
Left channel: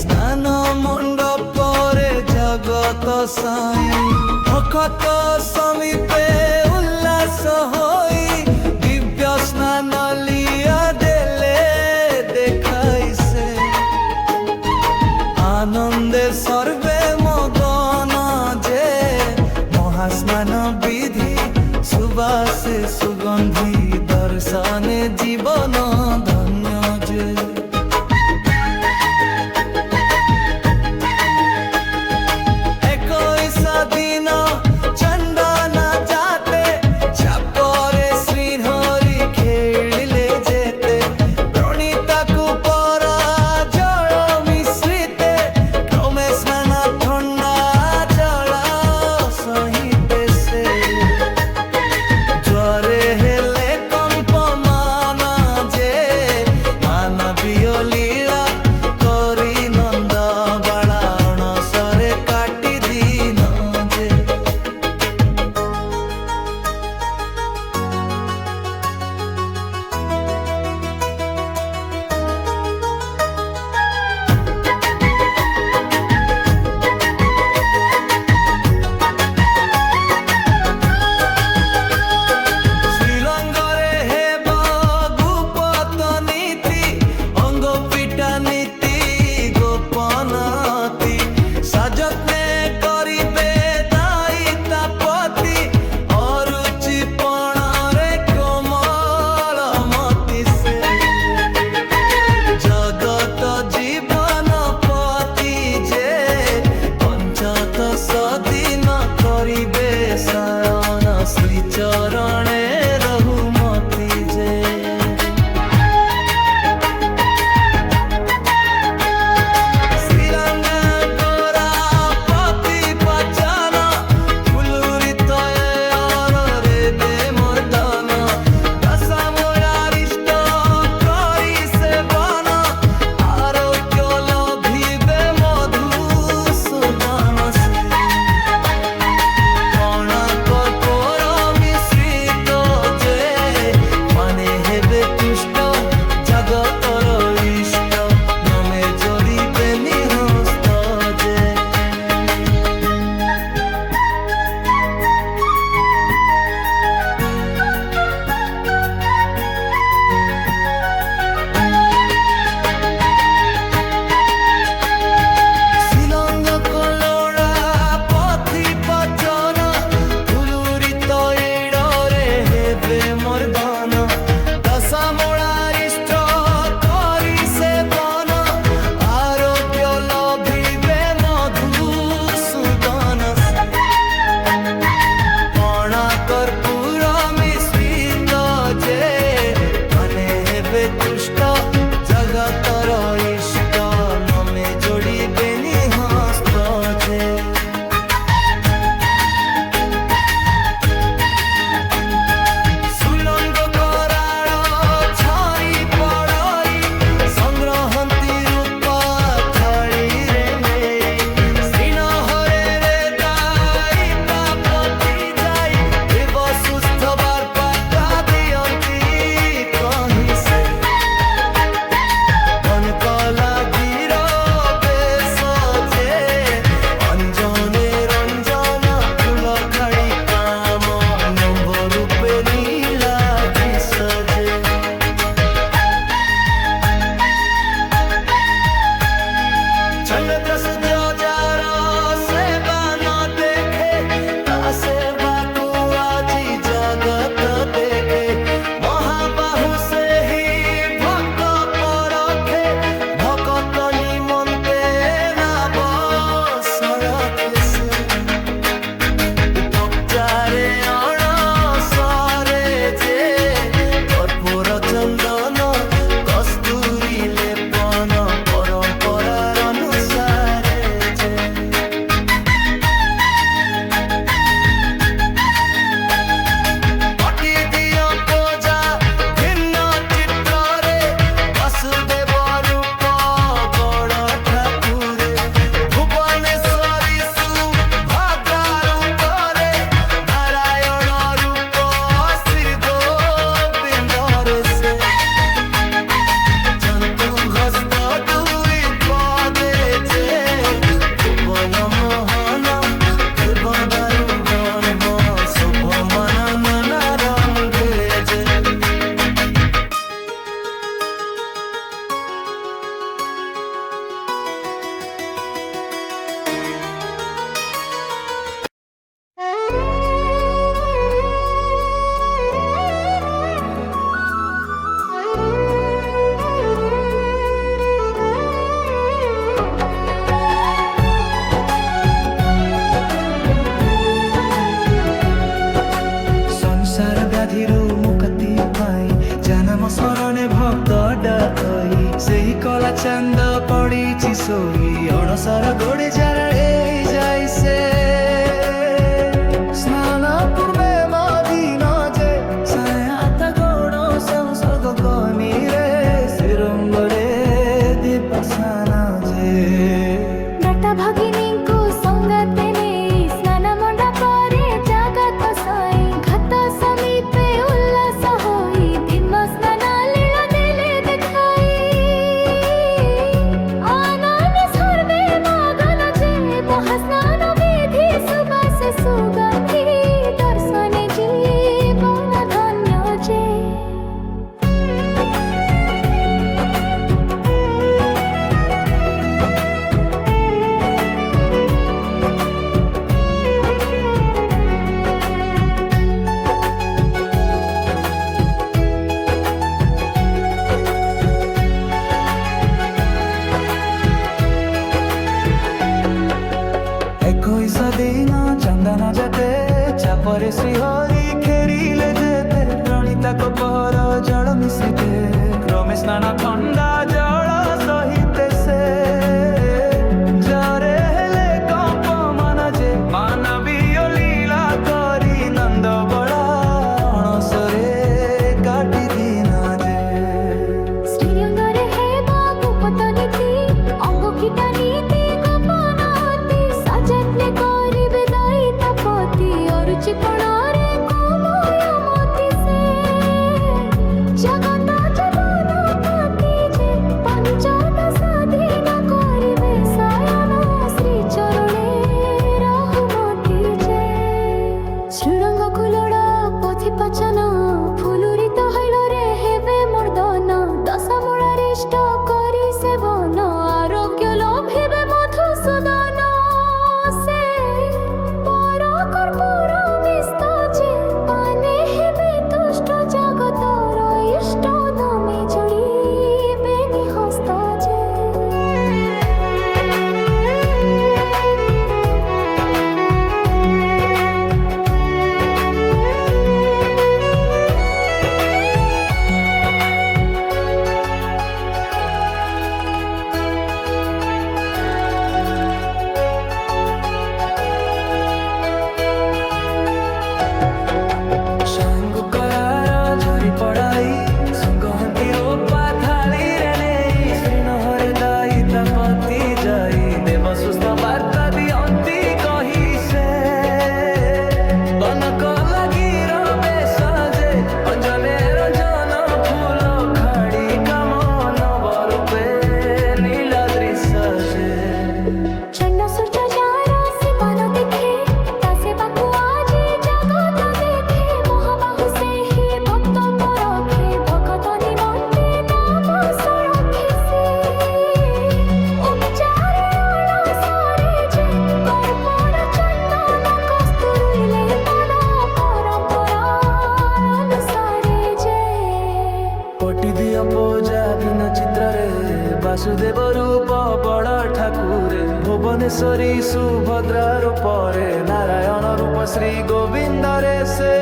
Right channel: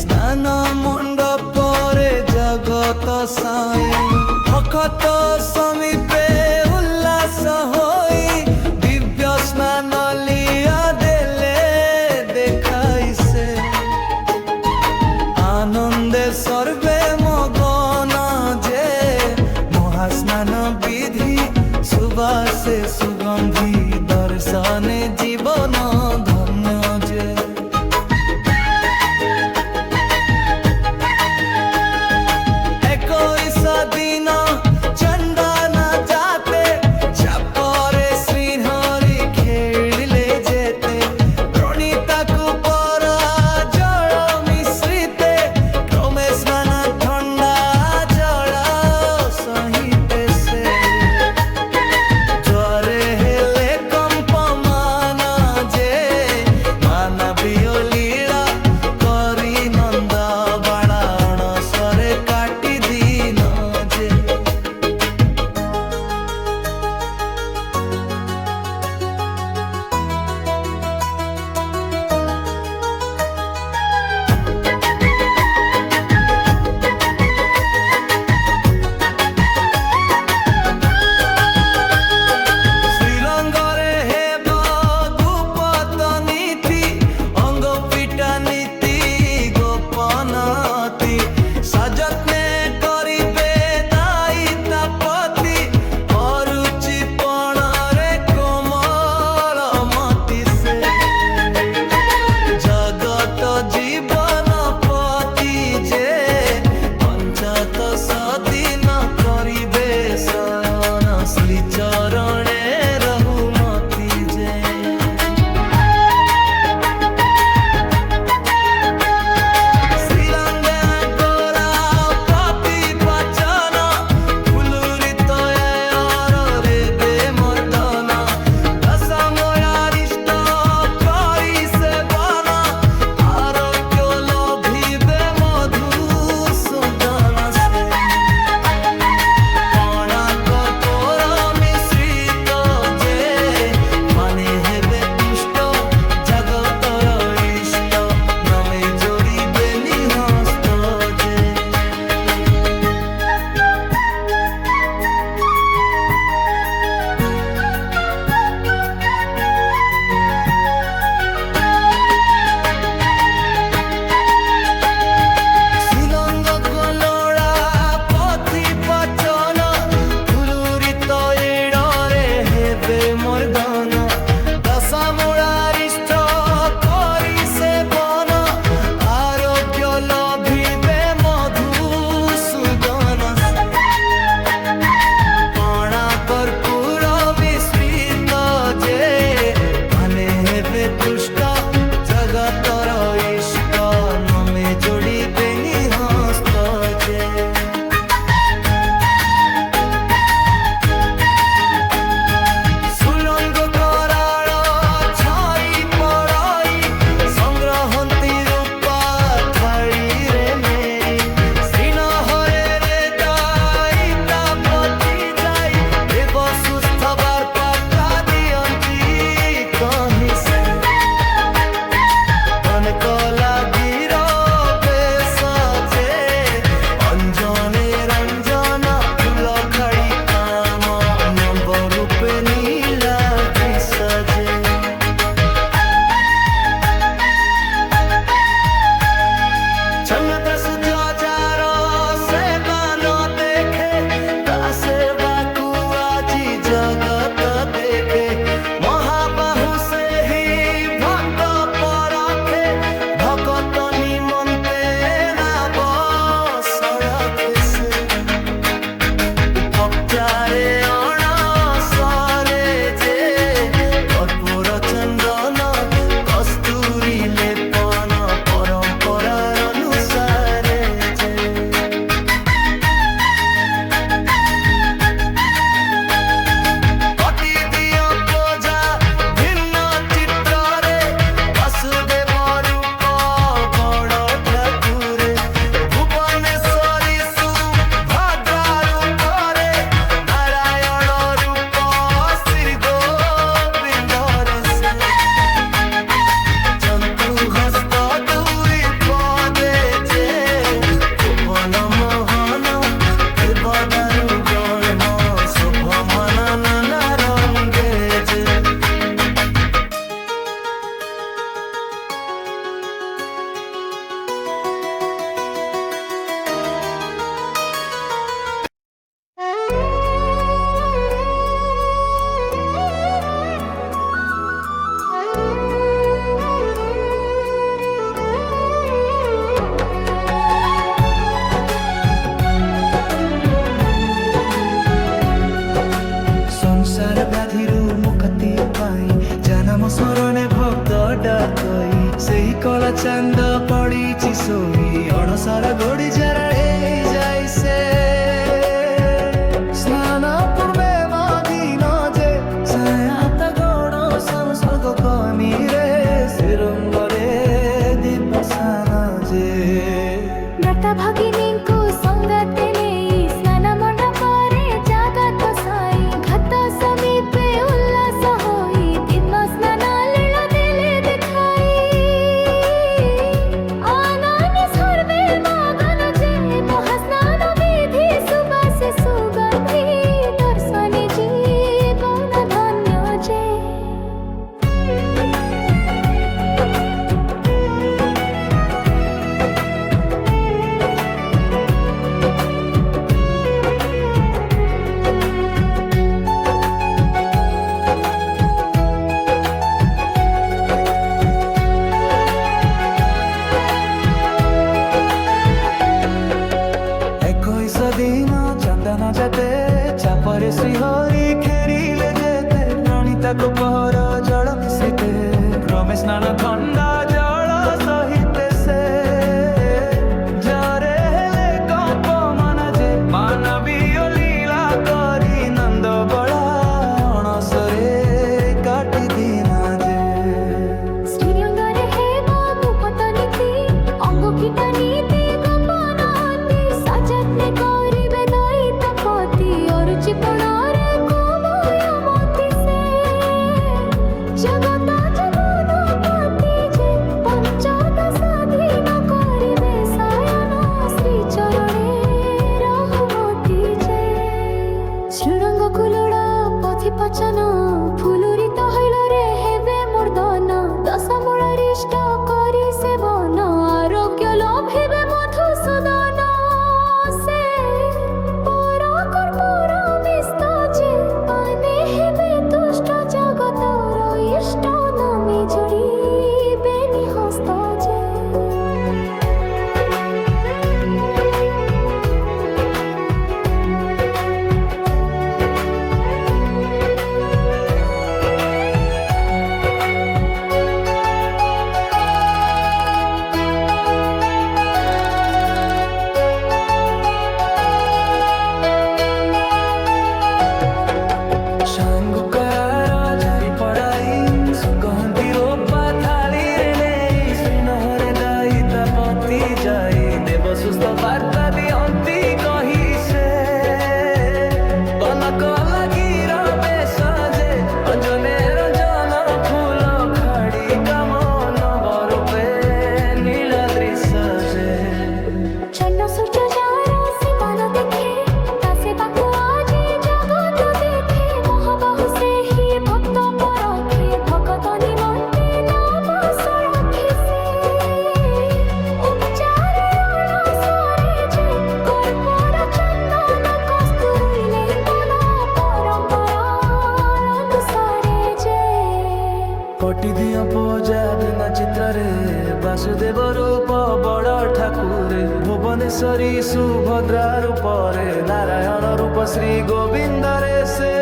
ସ୍ନାନ ମଣ୍ଡପରେ ଜଗତ ସାଇଁ ଭକତ ସମୀପେ ଉଲ୍ଲାସ ହୋଇ ଦିବ୍ୟ ସ୍ନାନ ଲିଆ ଦେଲେ দেখাই ସେ আনন্দে সর্বে মগন যে মহাস্নান বিধি সুবাসে সুগন্ধি দর্শনে জীবন ধন্য যে একৈশ দিন চন্দন যাতে চাপরে শ্রীহরি খেলিলে যেতে প্রণীতাকু পর জল মিশ্রিতে ক্রমে স্নান ঠন্ডা জল সহিতে সে জ্বরে হেলে কম্পমান যে মানবীয় লীলা করি নন্দ বালা অণসরে কাটি দিন যে শ্রীলঙ্গরে হেব গুপত নীতি অঙ্গ পিটা নীতি গোপনতি সযত্নে করিবে দায়িতাপতি অরুচি পণরে কোমল মতি সে জগত জীবন পতি যে পঞ্চদশ দিন করিবে শয়ন শ্রীচরণে রহুমতি যে শ্রীলঙ্কা গোরা পতি পাচন ফুলুরিত রে বে মর্দন দশময়ারিষ্ট করি সেবন আরোগ্য লভিবে মধুসূদন সে পণা কর্পূর মিশ্রিত যে মানে হেবে তুষ্ট জগতর ইষ্ট নমে জড়িবে নিহস্ত যে শ্রীলঙ্গ কলোড়া পথি পচন ধুলুরিত এড়রে হেবে মর্দন দশমূলারিষ্ট করি সেবন আরোগ্য লভিবে মধুসূদন সে পণা কর্পূর মিশ্রিত যে মানে হেবে তুষ্ট জগতর ইষ্ট নমে জড়িবে নিহস্ত যে সুলঙ্গ কৰাৰ ছৰি পৰই সংগ্ৰহন্তি ৰূপা থাৰিৰে নেৰি শ্ৰীনহৰেৰে দায়িতাপতি যাই দেৱ সুস্থ বাৰ্তা দিয়ন্তি কহিছে কনকলা গির বেশ যে অঞ্জনে রঞ্জন ফুল খাড়ি কাম নব রূপে নীলা দৃশ্য যে ଚନ୍ଦ୍ର ସୂର୍ଯ୍ୟ ଯାର ସେବା ନ ଦେଖେ ତା ସେବାକୁ ଆଜି ଜଗତ ଦେଖେ ମହାବାହୁ ସେହି ଭକ୍ତ ପରଖେ ଭକତ ନିମନ୍ତେ ନାବ ସଳଖେ ସେ ଉପଚାରେ ଅଣସରେ ଯେ কর্পূর চন্দন কস্তুরী লেপন পরম্পরার অনুসারে যে কটি দিও পূজা ভিন্ন চিত্রে বাসুদেব রূপ বড় ঠাকুরে ভুবনেশ্বরী সুভদ্রা রূপরে নারায়ণ রূপ শ্রী গোবিন্দরে সে জন্তু হস্ত দুই পদে যে ভুবন মোহন দেবদারু ব্রহ্ম শোভমান নানা রঙ্গে যে ସଂସାର ବ୍ୟାଧିରୁ ମୁକ୍ତି ପାଇ ଜନମ ସ୍ମରଣେ ଭକ୍ତ ଡାକଇ ସେହି କଳା ଚାନ୍ଦ ପଡ଼ିଛି ଶୋଇ ଅଣସର ଗୋଡ଼ି ଜରାଇ ଯାଇ ସେ ସ୍ନାନ ପୂର୍ବେ ମଦିନ ଯେ ସାୟାତ ଗୋଡ଼ ସଂସର୍ଗ କନିରେ ଶ୍ରୀରଙ୍ଗରେ ଦିବସାନ ଯେ ବ୍ରତ ଭଗିନୀଙ୍କୁ ସଙ୍ଗତେ ନେଇ ସ୍ନାନ ମଣ୍ଡପରେ ଜଗତ ସାଇ ଘାତ ସମୀପେ ଉଲ୍ଲାସ ହୋଇ ଦିନ ସ୍ନାନ ଲୀଳା ଦେଲେ ଦେଖାଇ ଆନନ୍ଦ ସର୍ବେ ମଗନ ଯେ ମହାସ୍ନାନ ବିଧି ସୁବାସେ ସୁଗନ୍ଧି ଦର୍ଶନେ ଜୀବନ ଧନ୍ୟ ଯେ ଏକୋଇଶ ଦିନ ଚନ୍ଦନ ଯେତେ ଚାପରେ ଶ୍ରୀହରି ଖେରିଲେ ଯେତେ ରଣିତାକୁ ପହର ଜଳ ମିଶ୍ରିତେ କ୍ରମେ ସ୍ନାନ ଥଣ୍ଡା ଜଳ ସହିତେ ସେ ଜରେ ହେଲେ କମ୍ପ ମନ ଯେ ମାନବୀୟ ଲୀଳା କରି ନନ୍ଦ ବଳା ଅଣସରେ କାଟି ଦିନ ଯେ ଶ୍ରୀରଙ୍ଗରେ ହେବା ଭୂପତ ନୀତି ଅଙ୍ଗ କୀଟ ନୀତି ଗୋପନତି ସଯତ୍ନେ କରିବେ ଦଇତାପତି ଅରୁଚି କୋଣରେ କୋମୟମତି ସେ ଜଗତ ଜୀବନପତି ଯେ ପଞ୍ଚଦଶ ଦିନ କରିବେ ଶୟନ ଶ୍ରୀ ଚରଣେ ରହୁମତି ଯେ ଶ୍ରୀରଙ୍ଗ କୁଲଡ଼ା ପଥି ପଚନ ফুলুরিত হইলরে হেবে মর্দন দশমূলারিষ্ট করি সেবন আরোগ্য লোভিবে মধুসূদন সে পর কর্পূর মিষ্ট যে পানে হেবে তুষ্ট জগতর ইষ্ট নামে জড়িবে নিহস্ত যে ସାଙ୍ଗୁ କରାର ଝରି ପଡ଼ାଇ ସଙ୍ଗହାନ୍ତି ରୋପା ଥାଳିରେ ନେଇ ଶ୍ରୀନହରେ ଦଇତାପତି ଯାଇ ଦେବ ସୁସ୍ଥ ବାର୍ତ୍ତା ଦିଅନ୍ତି କହି ସେ ବନକ ଲାଗିର ବେଶ ଯେ ଅଞ୍ଜନେ ରଞ୍ଜନ ଫୁଲ ଖାଡ଼ି କାମ ନବ ରୂପେ ନୀଳାଦ୍ରି ସଜେ চন্দ্র সূর্য যার সেবান দেখে তা সেবাকু আজি জগত দেখে মহাবাহু সেহি ভক্ত পরখে ভকত নিমন্তে নাম সরখে সে উপচারে କୋଟି ଦିଅ ପୂଜା ଭିନ୍ନ ଚିତ୍ରରେ ବାସୁଦେବ ରୂପ ବଡ଼ ଠାକୁରେ ଭୁବନେଶ୍ୱରୀ ସୁଭଦ୍ରା ରୂପରେ ନାରାୟଣ ରୂପ ଶ୍ରୀ ଗୋବିନ୍ଦରେ ସେ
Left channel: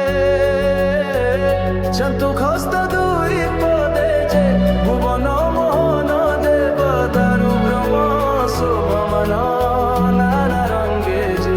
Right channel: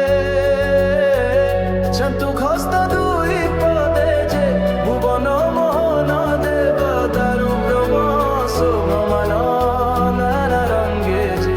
ଚନ୍ତୁଖ ହସ୍ତ ଦୁଇ ପଦେ ଯେ ଭୁବନ ମୋହନ ଦେବ ଦାରୁ ବ୍ରହ୍ମ ଶୋଭମାନ ନାନା ରଙ୍ଗେ ଯେ